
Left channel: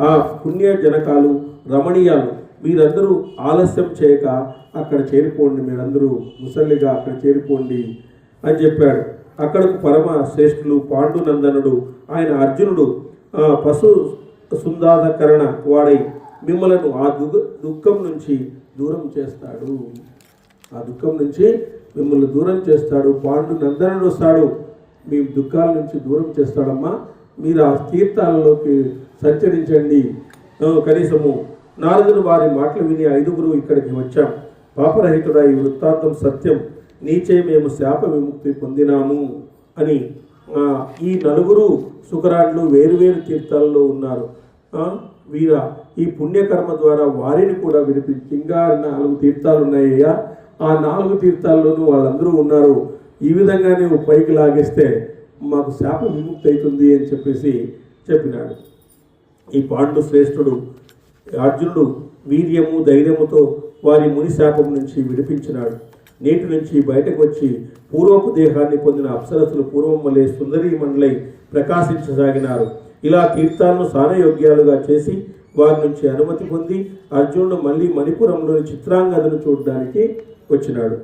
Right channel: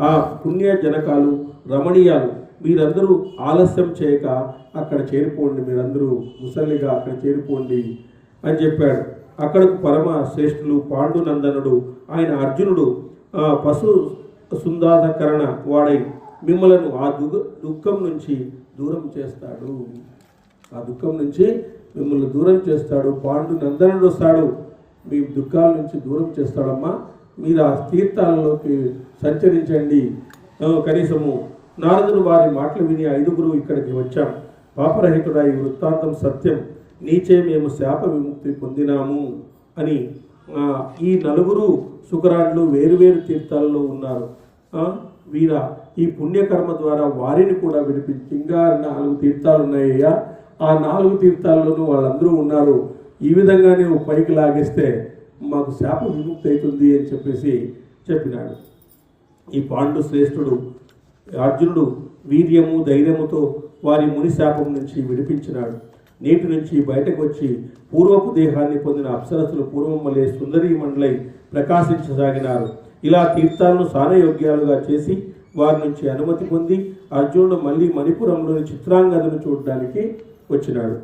ఆ పుణ్య జనకాలు, రమణీయాలు. మీరందరూ ఆలస్యం చేయక అక్కడ చేరిపోండి, మీరందరూ ముసలిగా అక్కడ చేరిపోండి అని చెప్పాడు. అక్కడకు పరమ శ్రేష్ఠులు పాండునందనుడు ఆయన అర్జునుడు పశు సుందాధకరణ వాడై మిమ్మలను ఆ దుఃఖం నుంచి దూరం చేస్తాడు. మిమ్మల్ని దూరం చేస్తాడు. పాండునందనుడు వస్తాడు, మీ దుఃఖాల నుంచి దూరం చేస్తాడమ్మా. మీరు ఆ తీర్థాలలోకి సంచరించండి. కనీసము నారదుడు వారి మాటలు విని 5గురు ఇక్కడికి వచ్చాం. పాపరహితుడా, ఈ వృత్తాంతం సత్యం. నీచే మేము శాప విముక్తి పొందినాము అని. ఈ 4 సుకరాండ్లు వేరువేరు తీర్థాలలో ఉన్నారు. వీర ఈ పుణ్యకర్మ ద్వారా వారిని కూడా విడిపించి ఇంకా 4 తీర్థాలు ఉన్నాయ్యా, ఆ 4 తీర్థాల్లోనూ వాళ్ళందరూ ఉన్నారు. ఈ విధంగా నువ్వు పైకి లాగేస్తే మాకు శాప విముక్తి అవుతుంది అని చెప్పేసి చెప్పినాడు. ఈ పాండు శ్రేష్ఠుడు అర్జునుడు వీర్యము ధైర్యముతో వారి ముని శాపం నుంచి విడిపించినాడు. నీటి నుంచి బయటకు వచ్చి పూర్వపు దేహాన్ని పొందిన అప్సరసులు పూర్వం వలె సుందరీ మండలై ప్రకాశించసాగినారు. ఇలా తీర్థాలను సానయోగ్యాలుగా చేసి వారి నుంచి అనుమతి పొంది అర్జునుడు మళ్ళీ మణిపురంలోని చిత్రాంగదను చూడడానికి వచ్చినాడు.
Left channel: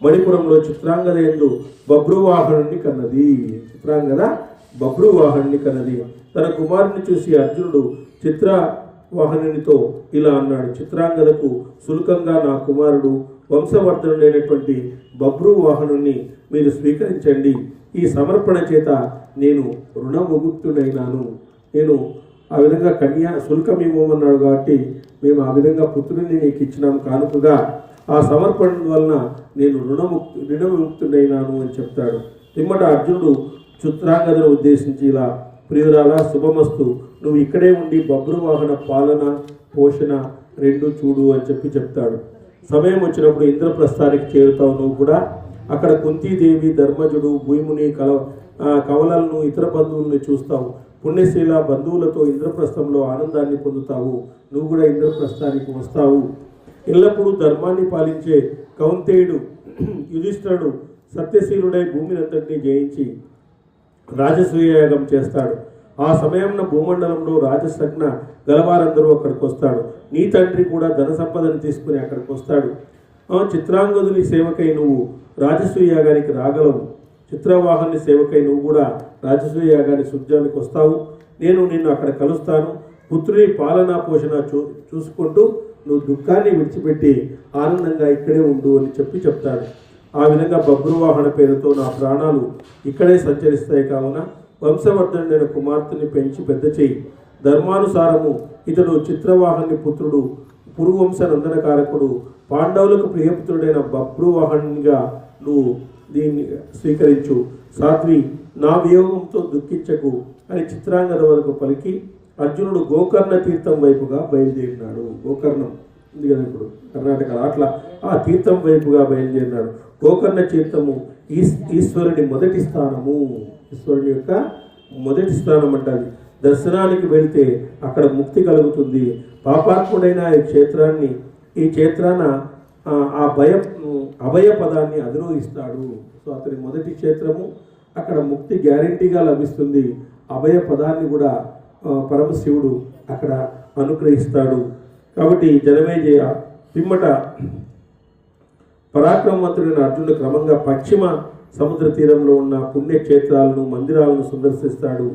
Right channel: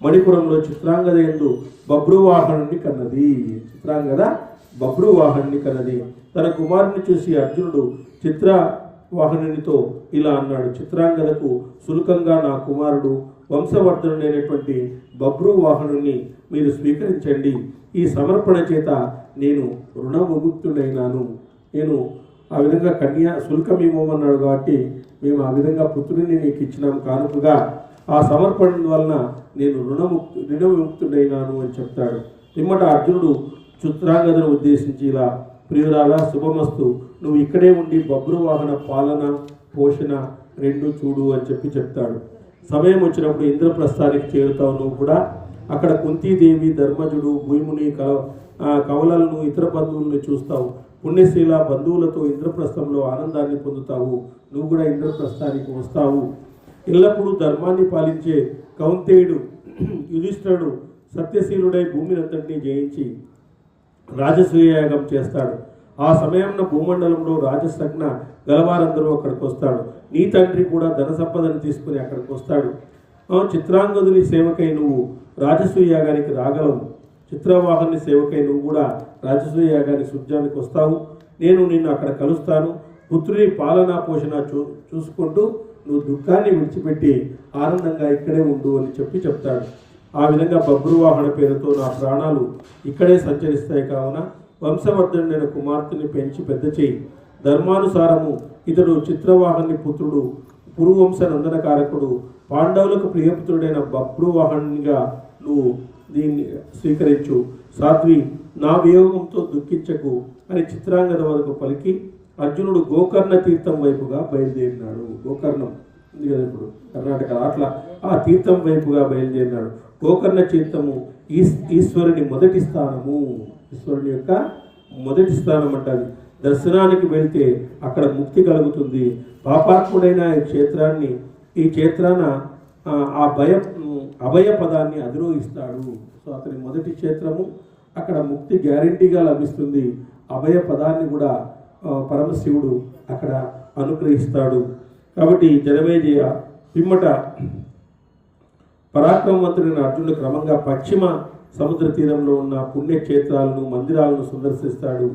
మణిపురంలో చిత్రాంగద యందు బభ్రువాహనుని కన్నది. తన కుమారుని చూసి అర్జునుడు చిత్రవాహనునితో ఇలా అన్నాడు. చిత్రాంగదకు సులుకంగా నా కుమారుడు వంశవర్ధనుడైనటువంటి బభ్రువాహనుని మీరు స్వీకరించండి. ఈ సమర్పణ చేత నేను రుణముక్తుడైనాను. నేను ఆ విధంగా శుల్కం ఇవ్వమన్నాడు కాబట్టి మేము ఆ విధంగా పుత్రుడిని నీకు ఇచ్చినాం కానుకగా. ఆ సమర్పణ వలన నేను రుణవిముక్తుడైనాను అని చెప్తాడు. పిమ్మట అర్జునుడు చిత్రాంగదను ఉద్దేశించి ఇలా, ప్రియురాలా, శుభమస్తు. నువ్వు ఇక్కడే ఉండి బభ్రువాహన పాలన పోషణ 2 చూడు అని చెప్తాడు. సమయం వచ్చినప్పుడు ఇంద్రప్రస్థానికి చేరుతావు. నువ్వు కూడా అక్కడ కుంతీదేవి, ధర్మజుడు, భూముని కవలలను, ఇతర బంధువులను చూస్తావు. పుణ్యశీల బంధువులతో ఇంద్రప్రస్థంలో ఆనందాన్ని పొందుతావు. నువ్వు కూడా ఇంద్రప్రస్థానికి వస్తావు. ఎల్లప్పుడూ ధర్మాన్ని పాలించే కౌంతేయుడు యుధిష్ఠిరుడు సత్యశీలుడై భూమినంతటినీ జయించి రాజసూయయాగం చేస్తాడు. ఆ సమయంలో భూమండలంలో రాజసజ్ఞ గలవారందరూ అక్కడికి వస్తాడు. నీ తండ్రి కూడా ధన సంపదను తీసుకుని అక్కడికి వస్తాడు. చిత్రాంగదుని సేవకై నువ్వు రాజసూయయాగానికి రాగలవు. చిత్రవాహని సేవకై నువ్వు కూడా రాజసూయయాగాని సుజ్ఞానికి వస్తావు. నేను నిన్ను అక్కడ కలుస్తాను. పుత్రుని పాలనా పోషణ చూసుకుంటూ నువ్వు దుఃఖాన్ని విడిచిపెట్టి ఆనందంగా ఇక్కడే ఉండు అని చెప్తాడు. ఆ విధంగా బభ్రువాహన పేరుతో నా ప్రాణాలు ఇక్కడే సంచరిస్తాయి. కావున వంశవర్ధనుడైన కుమార్తెని పెంచి పెద్ద చేయి. ధర్మానుసారము ఇతడు చిత్రవాహని పుత్రుడు, పురువంశ నందనకారకుడు, పాండవులకు ప్రియపుత్రుడైన బభ్రువాహనునిగా నువ్వు దీన్ని స్వీకరించు. సాధ్వి, నా వియోగంతో దుఃఖించకు. అని చిత్రాంగద వరకు పలికి అర్జునుడు గోకర్ణ తీర్థం వైపుగా బయలుదేరినాడు. గోకర్ణం ఉంది కదా ఇప్పుడు కర్ణాటకలో, అట్లా ఆ తీర్థం వైపుగా బయలుదేరినాడు. గోకర్ణ తీర్థము ఈశ్వరుని మొదటి స్థానము, ఈశ్వరుని యొక్క మొదటి స్థానం అంటారు. దర్శనానికి వెళ్తే అక్కడ ముక్తి కలుగుతుంది. పాపాత్ముడైన ఈ క్షేత్రాన ఆ అభయ పదాన్ని అధిరోహిస్తాడు. సో అతని మొదటి క్షేత్రము, అక్కడ ముక్తి గ్యారంటీగా లభిస్తుంది. అభయ పదాన్ని కూడా పరమశివుడు అక్కడ అనుగ్రహిస్తాడు. కాబట్టి జనమేజయ పిమ్మట పరాక్రమవంతుడైన అర్జునుడు క్రమంగా పశ్చిమ సముద్ర తీరంలో ఉన్న పుణ్యక్షేత్రాలను, మందిరాలను సందర్శిస్తాడు.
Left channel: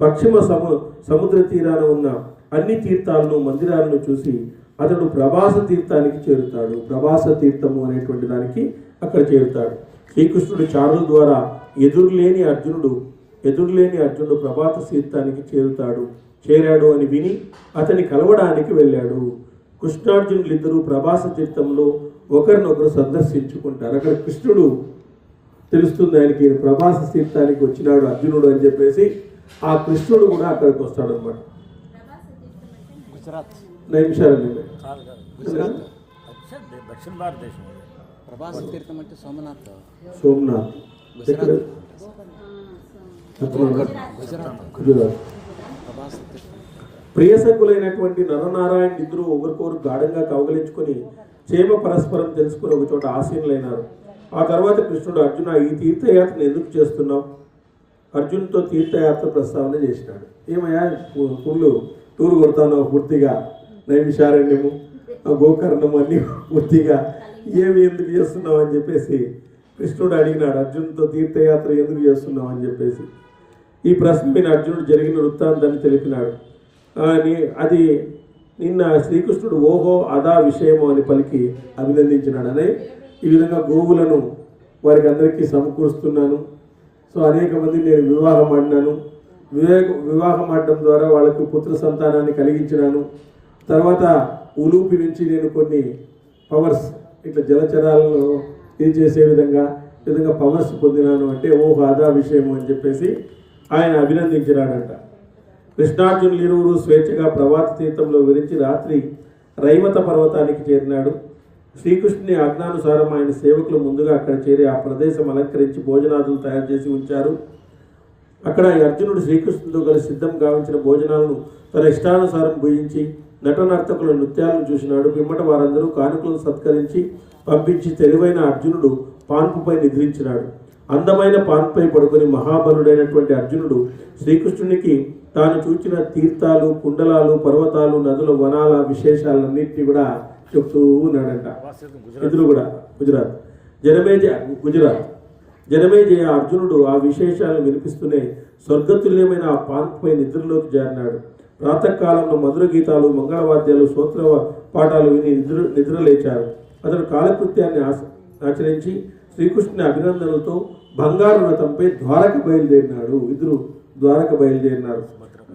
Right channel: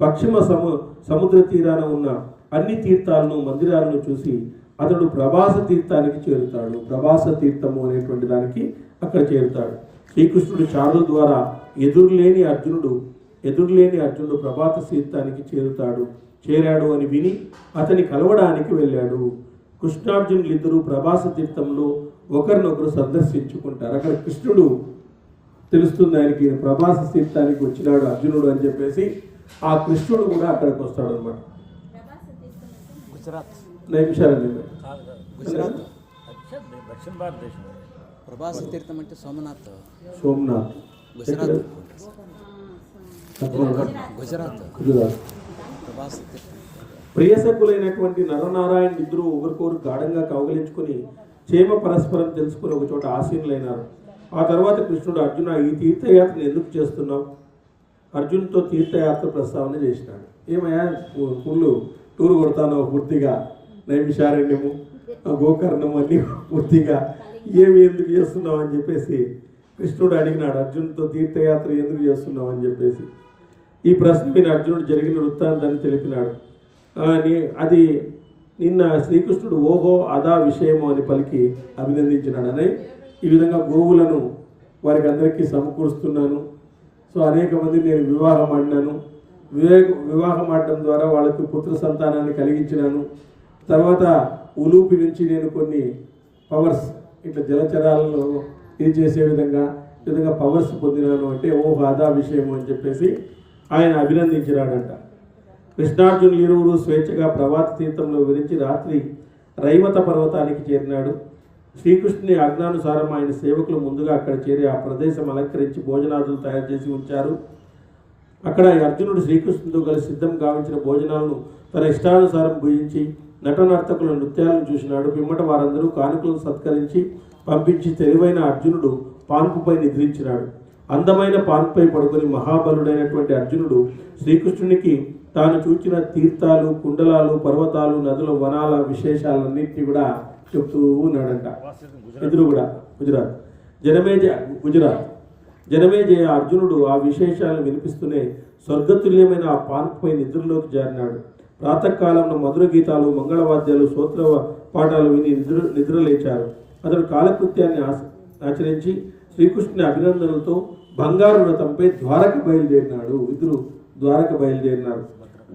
పశ్చిమ సముద్ర తీరాన ఉన్న అన్ని తీర్థాలను, మందిరాలను చూసి అతడు ప్రభాస తీర్థానికి చేరుతాడు. ప్రభాస తీర్థము అనేటువంటి దానికి అక్కడ చేరుతాడు. శ్రీకృష్ణుడు చారుల ద్వారా ఎదురులేని అర్జునుడు ప్రభాత తీర్థానికి చేరాడు అని విని అతని కలవడానికి వెళ్ళాడు. కృష్ణార్జునులు ఇద్దరు ప్రభాస తీర్థంలో ఒకరినొకరు సందర్శించుకుంటారు. అక్కడ కృష్ణుడు తెలుస్తుంది ఆయనకి ప్రభాస తీర్థానికి వచ్చినాడు అర్జునుడు అని చెప్పేసి. ఆ కృష్ణుడు కూడా అక్కడికి వస్తాడు అనమాట. నిమిషాలండి ప్రభాస తీర్థం అంటే సోమనాథ్ గుజరాత్. ప్రియసకులైనటువంటి నరనారాయణ ఇద్దరు ఒకరికొకరు గాఢంగా కౌగలించుకొని క్షేమ పరస్పరం తెలుసుకుని ఒక చోట ఆసీనులైనారు. ఆ తర్వాత కృష్ణుడు అర్జున ఈ తీర్థయాత్రను ఎందుకు చేస్తున్నావు? అర్జున్తో తీర్థయాత్ర ప్రస్తావన చేసినాడు. ఏమయ్యా ఫుల్ టూర్ కొడతాను పూర్తిగా, నైమిషారణ్యము, గోకర్ణము అన్నీ పూర్తిగా ఎందుకు చేస్తున్నావు అని చెప్పేసి కృష్ణుడు అడిగినాడు. అర్జున్తో తీర్థయాత్ర ఎందుకు చేస్తున్నావు అని చెప్పేసి ఈ ప్రశ్న మీద అర్జునుడు జరిగిన వృత్తాంతాన్ని తెలిపినాడు. అది నిన్న శ్రీకృష్ణుడు ఓహో అదా విషయము అని పలికి అభినందించినాడు. అనే ఈ విధంగా గోవులను వారికి అందరికీ సమకూరుస్తున్నాను. సో అనేక మంది నేను వివాహం ఆడినాను. వివాహం ఆడడం ద్వారా వాళ్ళకు పుత్ర సంతానాన్ని కలిగించినాను. తర్వాత ఉలూపి నుంచి నేను కొన్ని పవర్స్ ఇట్లా జలచరాలను ఇది చేసే విధంగా పవర్స్ పొందినాను అంటే ఓహో అదా విషయము అని చెప్పేసి ఆయన అభినందించినాడంట. కృష్ణార్జునులు ఇరువురు స్వేచ్ఛగా ప్రభాత తీర్థంలో విరించి రాత్రి రైవత పర్వతానికి చేరినాడు. శ్రీకృష్ణుని ఆజ్ఞానుసారం ఆయన సేవకులు ముందుగా అక్కడ చేరి ఆ ప్రదేశం అలంకరించి భోజనాదులు తయారు చేసి ఉంచారు. అక్కడ అర్జునుడు శ్రీకృష్ణుడితో కలిసి సిద్ధం గావించిన భోజనాలను తన ఇష్టానుసారం భుజించి నటనర్తకుల నృత్యాలను చూసినాడు. పిమ్మట వారందరూ కానుకలను సత్కరించి పంపించి తెలివైన అర్జునుడు పాన్పుపై నిద్రించినాడు. అందమైన పాన్పై పడుకొని మహాబలుడైనటువంటి అర్జునుడు శ్రీకృష్ణునికి తాను చూచిన తీర్థాలు, కుండలాలు, పర్వతాలు, నదుల, వనాల విశేషాలన్నింటినీ కూడా చెప్తూ ఉన్నాడంట. ఎదురు కూడా గుజరాత్ జనమేజయ అర్జునుడు ఆ విశేషాలను వినిపిస్తూనే స్వర్గతుల్యమైన ఆ పాన్పుపై నిద్రలోకి జారినాడు. ప్రాతకాలంలో మధుర గీతాలు, మంగళవాద్యాలు, స్తోత్ర పాఠాలు విని నిద్రలేచారు. అతడు కాలకృత్యాన్ని ఆచరించి శ్రీకృష్ణుని అభినందనలతో బంగారు రథంపై ద్వారక బయలుదేరినాడు. ఇద్దరు ద్వారక బయలుదేరినారు.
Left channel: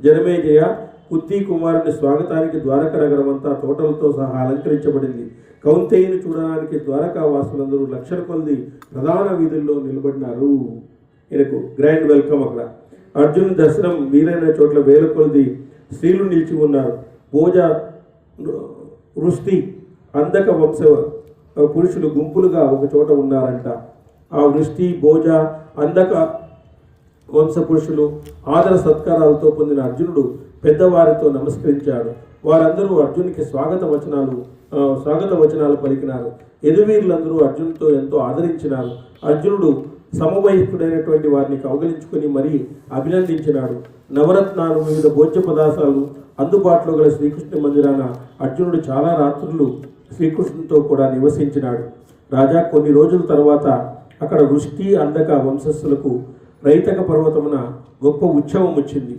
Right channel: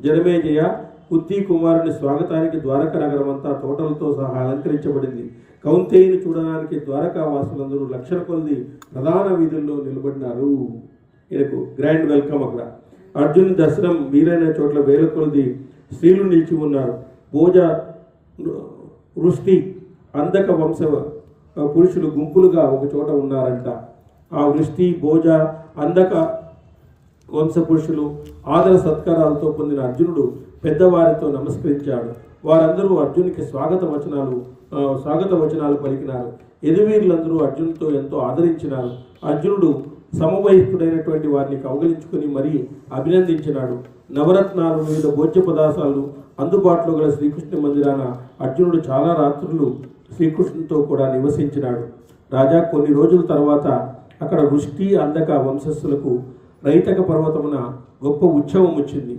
జనమేజయ కుంతీ కుమారుని స్వాగతానికి ద్వారక నగరం అంతా తోటలతో సహా అలంకరించబడింది. కౌంతేయుని చూడడానికి ద్వారకా వాసులందరూ లక్షల కొలది ప్రధాన వీధుల్లో నిలబడినారు. ఈయనకు గ్రాండ్ వెల్కమ్. అక్కడ అర్జునుని దర్శనం వీలైన చోట్ల వేల కొలది స్త్రీలు నిలిచి ఉన్నారు. భోజ, వృష్టి, అందక వంశ పురుషులు గుంపులుగా ఒక చోట ఉన్నారంట. ఆ వృష్టి, భోజ, అందక వంశ పురుషులు ఆదర సత్కారాలతో పొందిన అర్జునుడు పెద్దవారితో నమస్కరించాడు. వారందరూ అర్జునికి స్వాగత వచనాలు పలికినారు. యదువీరులందరూ అర్జునుతో ఎంతో ఆదరించినారు. అర్జునుడు సమవయస్కుడైనటువంటి వారిని కౌగలించుకుని మరీ అభినందించినాడు. నవరత్నాలు, వివిధ భోజ్య పదార్థాలు అందుబాటులో గల శ్రీకృష్ణ మందిరాన అర్జునుడు చాలా రాత్రులు శ్రీకృష్ణునితో కూడా నివసించినాడు. రాజా, కొన్ని రోజుల తర్వాత అక్కడ వృష్టి, అందక వంశస్థులకు రైతక పర్వతమున గొప్ప ఉత్సవం వచ్చింది.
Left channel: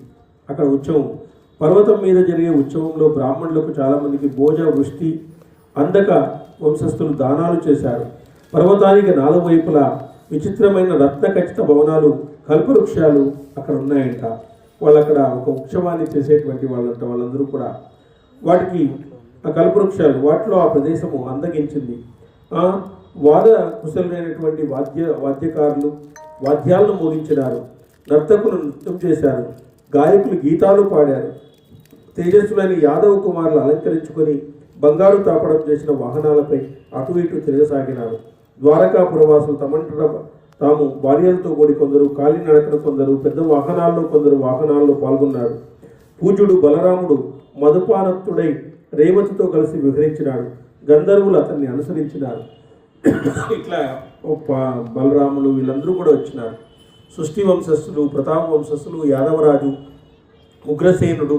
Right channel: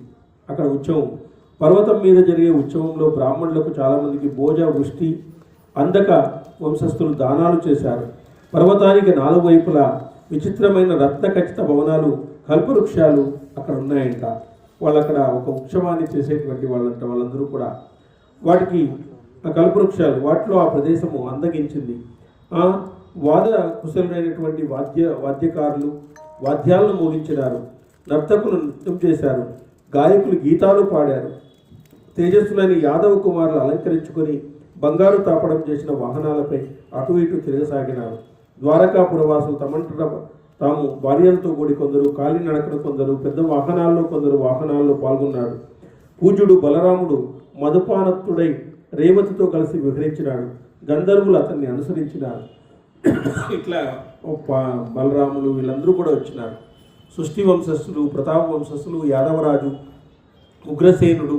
అక్కడ ఉత్సవం, పర్వతం మీద జరిగే ఉత్సవంలో బ్రాహ్మణులకు చాలామందికి భోజ, వృష్టి, అందక వంశస్థులు దానాలు చేశారు. పర్వతానికి నాలుగు వైపులా విచిత్రమైన రత్న ఖచ్చిత భవనాలు, కల్పవృక్షాలు అక్కడ ఉన్నాయంట. వాళ్ళు అక్కడ ఒక ఉత్సవాన్ని చేసేటువంటి వాళ్ళందరూ కూడా వాటికి ఆ కల్పవృక్షాలు, వాటిలో ఆ ప్రదేశము అందగించింది. వాద కుశలుడైనటువంటి వాద్యకారులు వాద్యాలను మోగించినారు. నర్తకులు నృత్యం చేశారు. గాయకులు గీతాలు పాడారు. తేజస్సులని యాదవ కుమారులు అలంకరించుకొని బంగారు తాపడం చేసిన వాహనాలపై అటు ఇటు తిరగసాగినారు. ద్వారకాపురవాసులు తమంట తాము భార్యలతో కూడి కొందరు కాలినడకన, కొందరు పెద్ద వాహనాల్లో, కొందరు వాహనాల్లో పాల్గొన్నారు. పూజ్యుడు బలరాముడు మధుపానత్తుడై రేవతితో కలిసి విహరించినాడు. గంధర్వులు అతన్ని అనుసరించినారు. ఇట్లా బలరాములు వీళ్ళందరూ కూడా వచ్చినారు. సృష్టి వంశస్థులు, ప్రతాప వంశస్థులు, యాదవరాజు ఉగ్రసేనుడు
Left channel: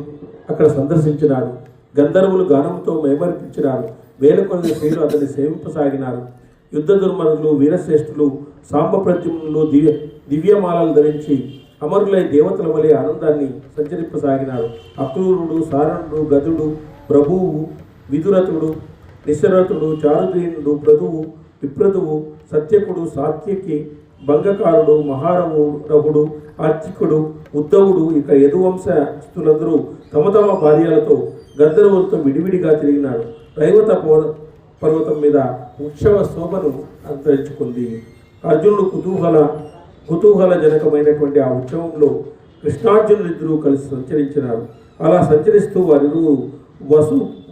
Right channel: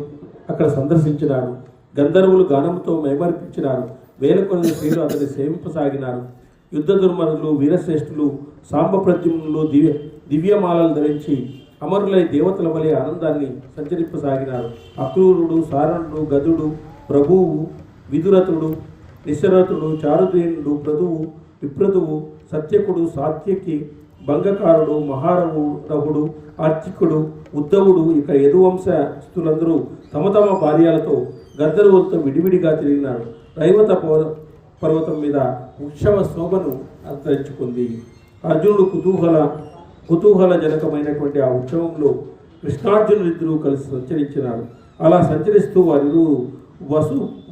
అక్కడ సందర్శించినాడు. గంధర్వులు గానముతో మేమర్పించినారు. వేల కొలది స్త్రీలు అతన్ని సేవింపసాగినారు. యుద్ధ దుర్మరులు, వీరశ్రేష్ఠులు, సాంబప్రద్యుమ్నులు దివ్యమాలలు ధరించి అమరులై దేవతల వలె ఆనందాన్ని సంచరింపసాగినారు. అక్రూరుడు, సారణుడు, గదుడు, ప్రభువు, విదురథుడు, నిశరథుడు, చారుదీనుడు, ప్రదువు, విప్రదువు, సత్యకుడు, సాత్యకి, భంగకారుడు, మహారహుడు, ఆర్చికుడు, ఉద్ధవుడు, ఇక యదువంశస్థులందరూ తమ తమ భార్యలతో గంధర్వులతో విడివిడిగా తిరిగినాడు. రైవత పర్వతం మీద ఉత్సవ శోభను అంతరించుకుంది. అర్జునుడు కుతూహలజనకమైనటువంటి ఆ ఉత్సవంలో కృష్ణార్జునులిద్దరూ కలిసి సంచరించినారు. అలా సంచరిస్తూ వారిరు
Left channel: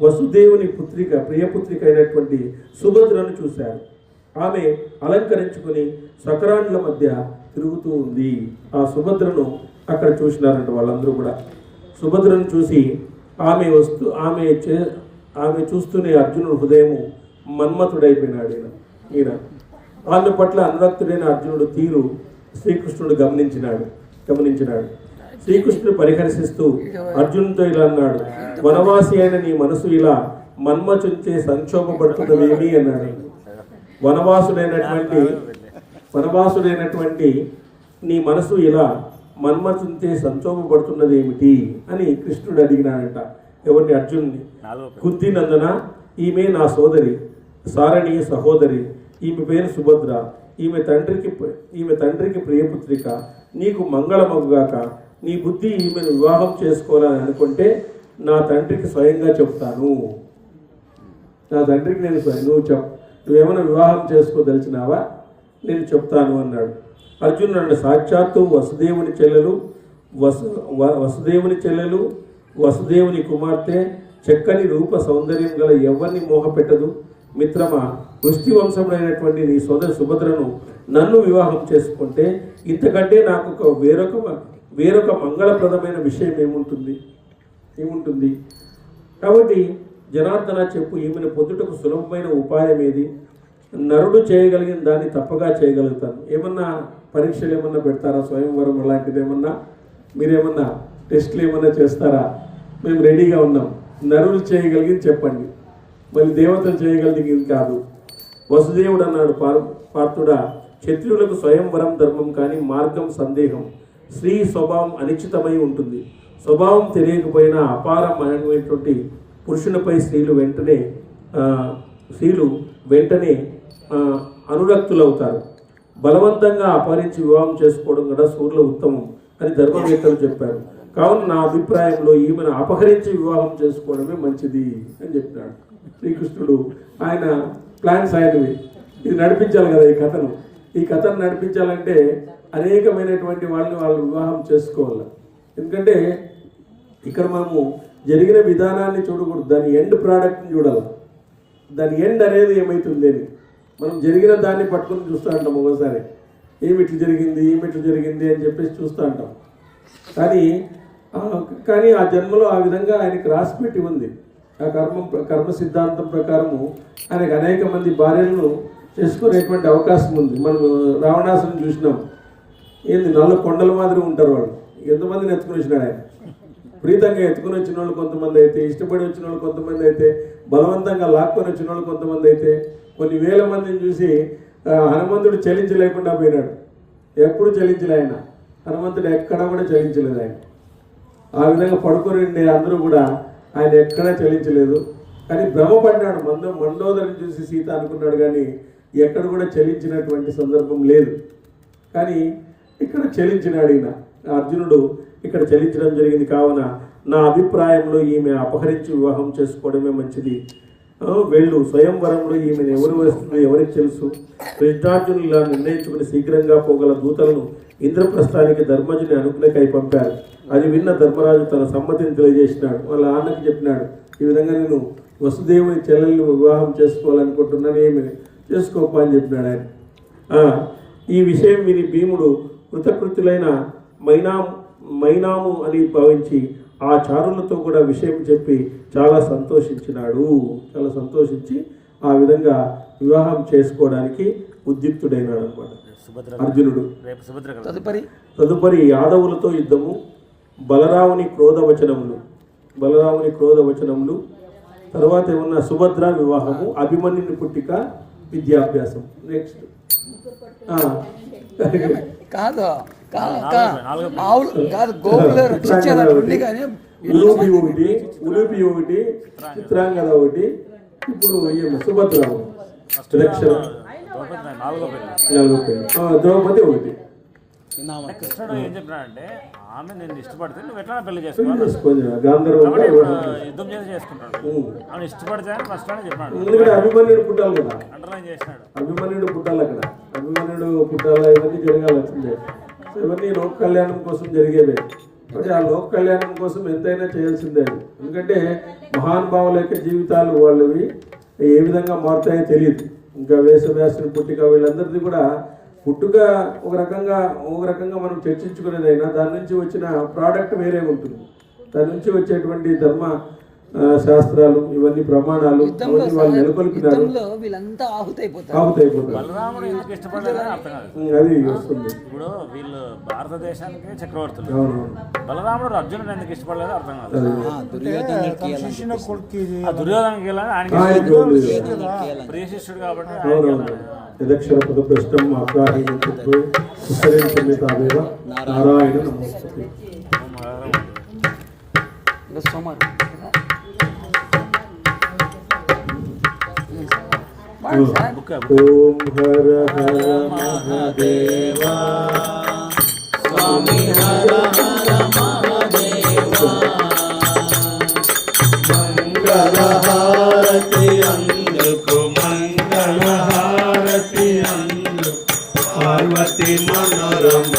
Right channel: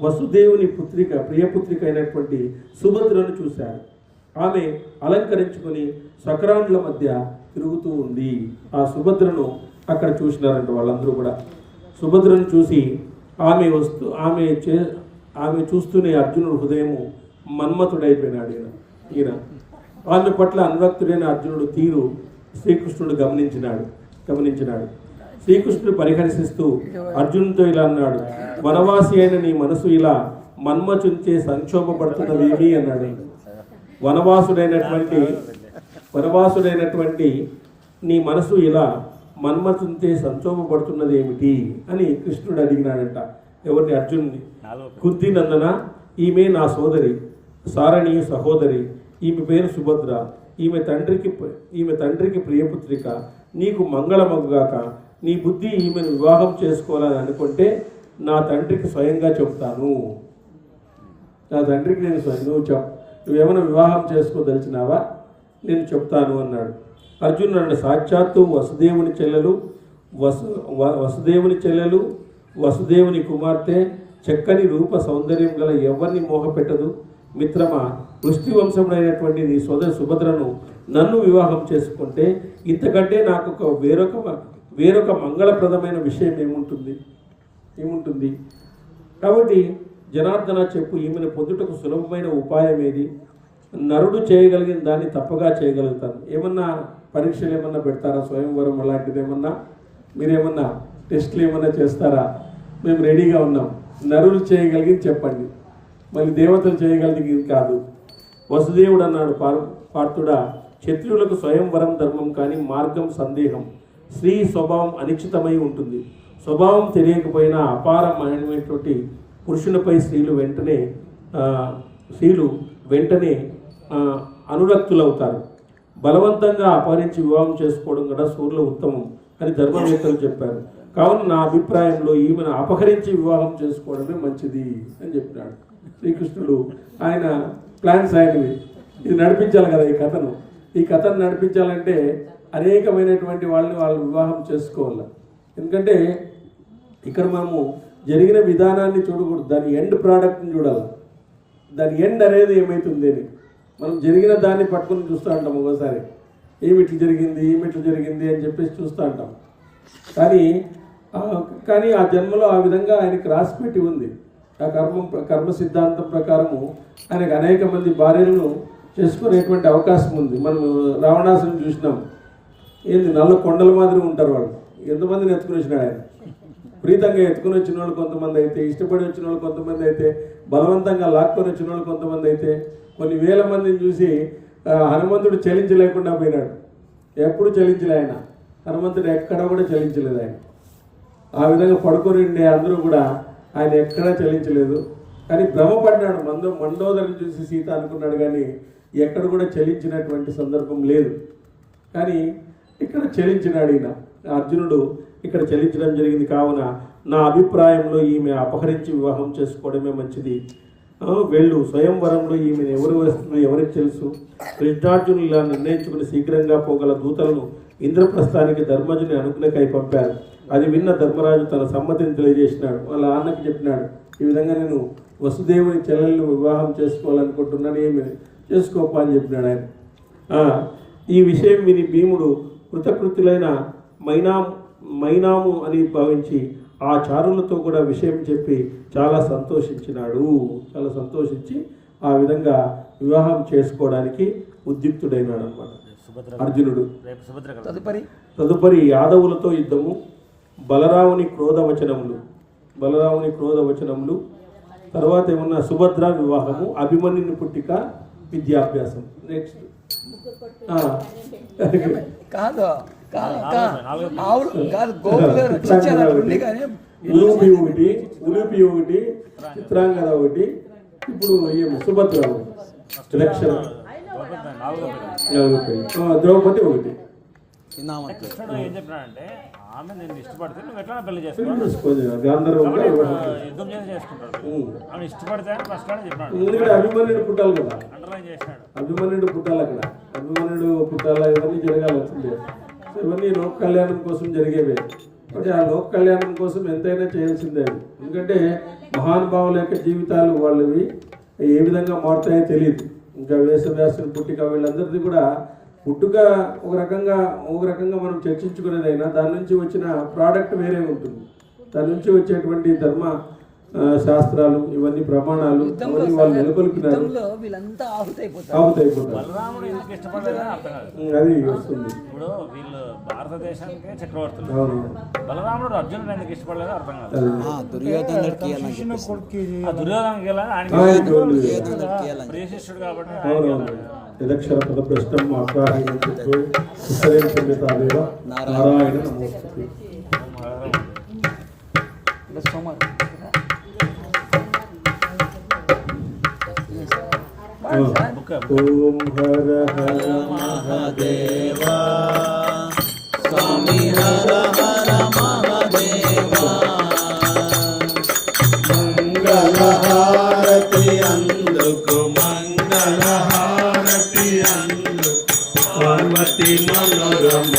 వసుదేవుని ప్రియపుత్రిక అయినటువంటి సుభద్రను చూశారు. ఆమె అలంకరించుకొని సకరాండ్ల మధ్య తిరుగుతూ ఉంది. ఆ సుభద్రను అక్కడ చూసినారంట వాళ్ళందరూ కూడా. సుభద్రను చూసి ఆమె చూస్తూనే అర్జునుడు హృదయము మన్మథుడైపోయినాడు. ఈయన ఆమె పట్ల అనురక్తుడైన అర్జునుడు తీరు శ్రీకృష్ణుడు గమనించినాడు. శ్రీకృష్ణుడు పరిహరిస్తూ అర్జునుడితో ఇలా అన్నాడు, వనవాసి అయిన నీ మనసు ఇలా మన్మచుంచే సంక్షోభపడుతున్నదేమి అన్నాడు. వనవాసుడైనటువంటి నీ మనసు ఇలా మన్మచుంచే సంక్షోభపడుతున్నది ఏమిటి అని కృష్ణుడు అడిగినాడంట. ఎవరిని? అర్జునుడిని. కుంతి నందన, ఈమె నా సోదరి, సారణి సహోదరి. ఈమె పేరు సుభద్ర. ఈమె తండ్రికి ప్రియపుత్రిక. నీకు మంగళమగుగాక. నీ బుద్ధి ఈమెను వివాహం చేసుకోవాలని అనుకుంటే నా తండ్రికి స్వయంగా చెప్తాను. నా తండ్రికి నేను నువ్వేమైనా వివాహం చేసుకోదలిచినావా? నేను చెప్తాను అన్నాడు. అర్జునుడు అన్నాడు, సాక్షాత్తు వసుదేవుని చెల్లెలు వసుదేవుని కుమార్తె, చక్కని రూప సౌందర్యం గల ఎవరిని మోహపెట్టదు. మిత్రమా, వృష్టి వంశముడైనటువంటి నీ సోదరి సుభద్రను నన్ను వివాహం చేసుకుంటే ఇంతకంటే నాకు వేరొక మంగళప్రదమైన విషయం ఏముంటుంది? కాబట్టి జనార్దన చెప్పు, ఈమెను పొందుటకు సులభమైన ఉపాయం ఏది? నరుడు చేయగలిగిన దాన్ని తప్పగా చేయగలుగుతాను. ఏమన్నా పరీక్షలు ఏమన్నా పెడతారా? స్వయంవరం అలాంటిది ఏమన్నా మీరేమన్నా టెస్టులు ఏమన్నా చేస్తారా? మేము రెడీగా ఉన్నాం. నరుడు చేయగలిగింది చెప్పండి, మళ్ళీ దేవతలు చేయగలిగింది కాదు. వసుదేవుడు అన్నాడు, పార్థుడా, క్షత్రియులకు స్వయంవరం ధర్మం, కానీ మార్గం సందేహం. స్త్రీ స్వభావం అనిశ్చితమై ఉంటుంది. స్వభావం తెలియకపోయినా అపారమైనటువంటి పురుషునిపై స్త్రీలు వెంటనే అనురక్తులవుతారు. బలవంతంగా అపహరించి వివాహం చేసుకోవడం కూడా సూర్యుల ఉత్తమం అని ధర్మవేత్తలు చెప్పారు. కావున నా అభిప్రాయంలో ఈమెను అపహరించి వివాహం చేసుకోవడమే మంచిది అని చెప్పినాడు శ్రీకృష్ణుడు. ఆయన ప్లాన్స్ ఆయనవి. ఇది నడిపించాలి కదా ఈ కథను నడిపించాలంటే అనేకమైనటువంటి వాళ్ళు వివాహం చేసుకోవాలి. ఎందుకంటే ఇక్కడ మనము జరిగిన విధానాన్ని చూడకూడదు, దాని ఎండ్ ప్రోడక్ట్ని చూడాలి. దాని ఎండ్ అనేది ఏమవుతుంది అని మనం జరిగిన దాన్ని పట్టుకొని చూస్తూ ఉంటాం. ఒకసారి ఏమిట్లు జరిగింది అని చెప్పేసి చూస్తూ ఉంటాం. కానీ ఆ జన్మలో ఆ విధంగా ఆయనకి రాసిపెట్టి ఉంది. ఆ కర్మ సిద్ధాంతం ప్రకారము ఆయనకు అనేక మంది భార్యలను చేసుకునేటువంటి అవకాశం ఉంది. మనం రావణాసుని చూసినాం. నల్ల కొండల మాదిరి ఉంటారు వాళ్ళు. ఎంతమందిని ఎత్తుకుని వచ్చినాడు ఆయన. ప్రీతంగా ఎత్తుకుని వచ్చిన వాళ్ళు కొంతమంది అయితే, ఇష్టపడి వచ్చిన వాళ్ళు కొంతమంది అయితే, బలవంతంగా లాక్కొని వచ్చిన వాళ్ళు కొంతమంది అయితే, కొన్ని వేల మందిని చూసి హనుమంతుడు చలించలేకుండా పోయినాడు. ఎప్పుడు చలించలే ఆయన. హనుమంతుడు ఎక్కడా కూడా చలించలేదు ఆయన. ఆ విధంగా పడుకొని అందరూ కూడా ఆయన ఎక్కడా చలించలేదు. కానీ భ్రమపడ్డాడు. మండోదరిని చూసి సీత అనుకున్నాడు, కానీ ఎక్కడ కూడా చలించినటువంటి సందర్భం లేదు. కానీ ఇక్కడ చలించినాడు ఈయన అర్జునుడు. ఇక్కడ చలించడం జరిగింది. కావున నా అభిప్రాయంలో ఈమె అపహరించి వివాహం చేసుకోవడమే మంచిది. వెళ్ళు, స్వయంవరంలో ఈమెను ఎవరు వస్తుందో ఎవరికి తెలుసు. కృష్ణార్జునులు ఇలా నిర్ణయించుకుని శీఘ్రంగా పోగల దూతలను ఇంద్రప్రస్థానికి ధర్మజుని అనుకునేకై పంపారు. అది విన్న ధర్మరాజు తన సమ్మతిని తెలియజేసినాడు. వాళ్ళ అన్నకి చెప్పినాడు, ఈ విధంగా నేను వసుదేవుని చెల్లెలను వివాహం చేసుకోవాలనుకుంటున్నాను, ఏమి చేసుకోపా అని చెప్పినాడు ఆయన. ఈ విషయం విని భీముడు కృతకృత్యులైన మైనాము అని భావించి ఆ చారులతో కూడా విషయం చెప్పి చాలా సంతోషించి ఆ విధంగా వివాహం చేసుకోవడానికి ఉద్యుక్తుడైనాడు అనమాట అర్జునుడు. తదుపరి యాదవులతో యుద్ధము, బలరాముని క్రోధవచనములు, తర్వాత ఏమన్నా సుభద్ర వివాహము, అభిమన్యుని పుట్టిక, విద్యాభ్యాసం. నెక్స్ట్ ఉలూపి ఒకటి, చిత్రాంగద ఒకటి, ఇప్పుడు సుభద్ర ద్రౌపది ఒకటి. గాంధర్వంగా ఎందుకంటే అభిమన్యుడు పుట్టాలి కదా, అభిమన్యుడు పుట్టాలి అక్కడ, అభిమన్యుడు పుట్టాలి, ఇవన్నీ జరగాల్సిందే. ఇవన్నీ లోక కళ్యాణం కోసం జరిగేవే. కాబట్టి ఆ లోక కళ్యాణం కోసం ఎంతైనా చేయాల్సిందే. ఎందుకంటే మహానుభావుల యొక్క జీవితాలు వాళ్ళవి ఏ విధంగా మారుతాయో తెలియదు. ఇంకా వేసవ్యాసుని పుట్టిక వీళ్ళందరిది కూడా పుట్టుక ఒక రకంగా మనం చర్చించుకునేదైనా దాని నుంచి వచ్చిన ప్రోడక్ట్ వేరే ఉంటుంది. దాని నుంచి వచ్చేటువంటి ధర్మ శాస్త్రాలు, ఇవన్నీ ప్రమాణాలు, ఇవన్నీ వాళ్ళు నెలకొల్పినారు. ఆహుతైపోతారు, అది వస్తుంది. భారతదేశానికి చక్రవర్తులు. అవును, బలరాముడు అర్జునుడు ఎందుకు ఇష్టపడలేదు అర్థం కాదు. ప్రియశిష్యుడు కాబట్టి. అవునవును. యదక్షర పదభ్రష్టం అప్రాహీదేవ నారాయణ నమోస్తుతే. ఓం హర హర మహాదేవా స్వామి హర హర మహాదేవా. మంగళహారతి అందుకు పార్వతి మనోరమ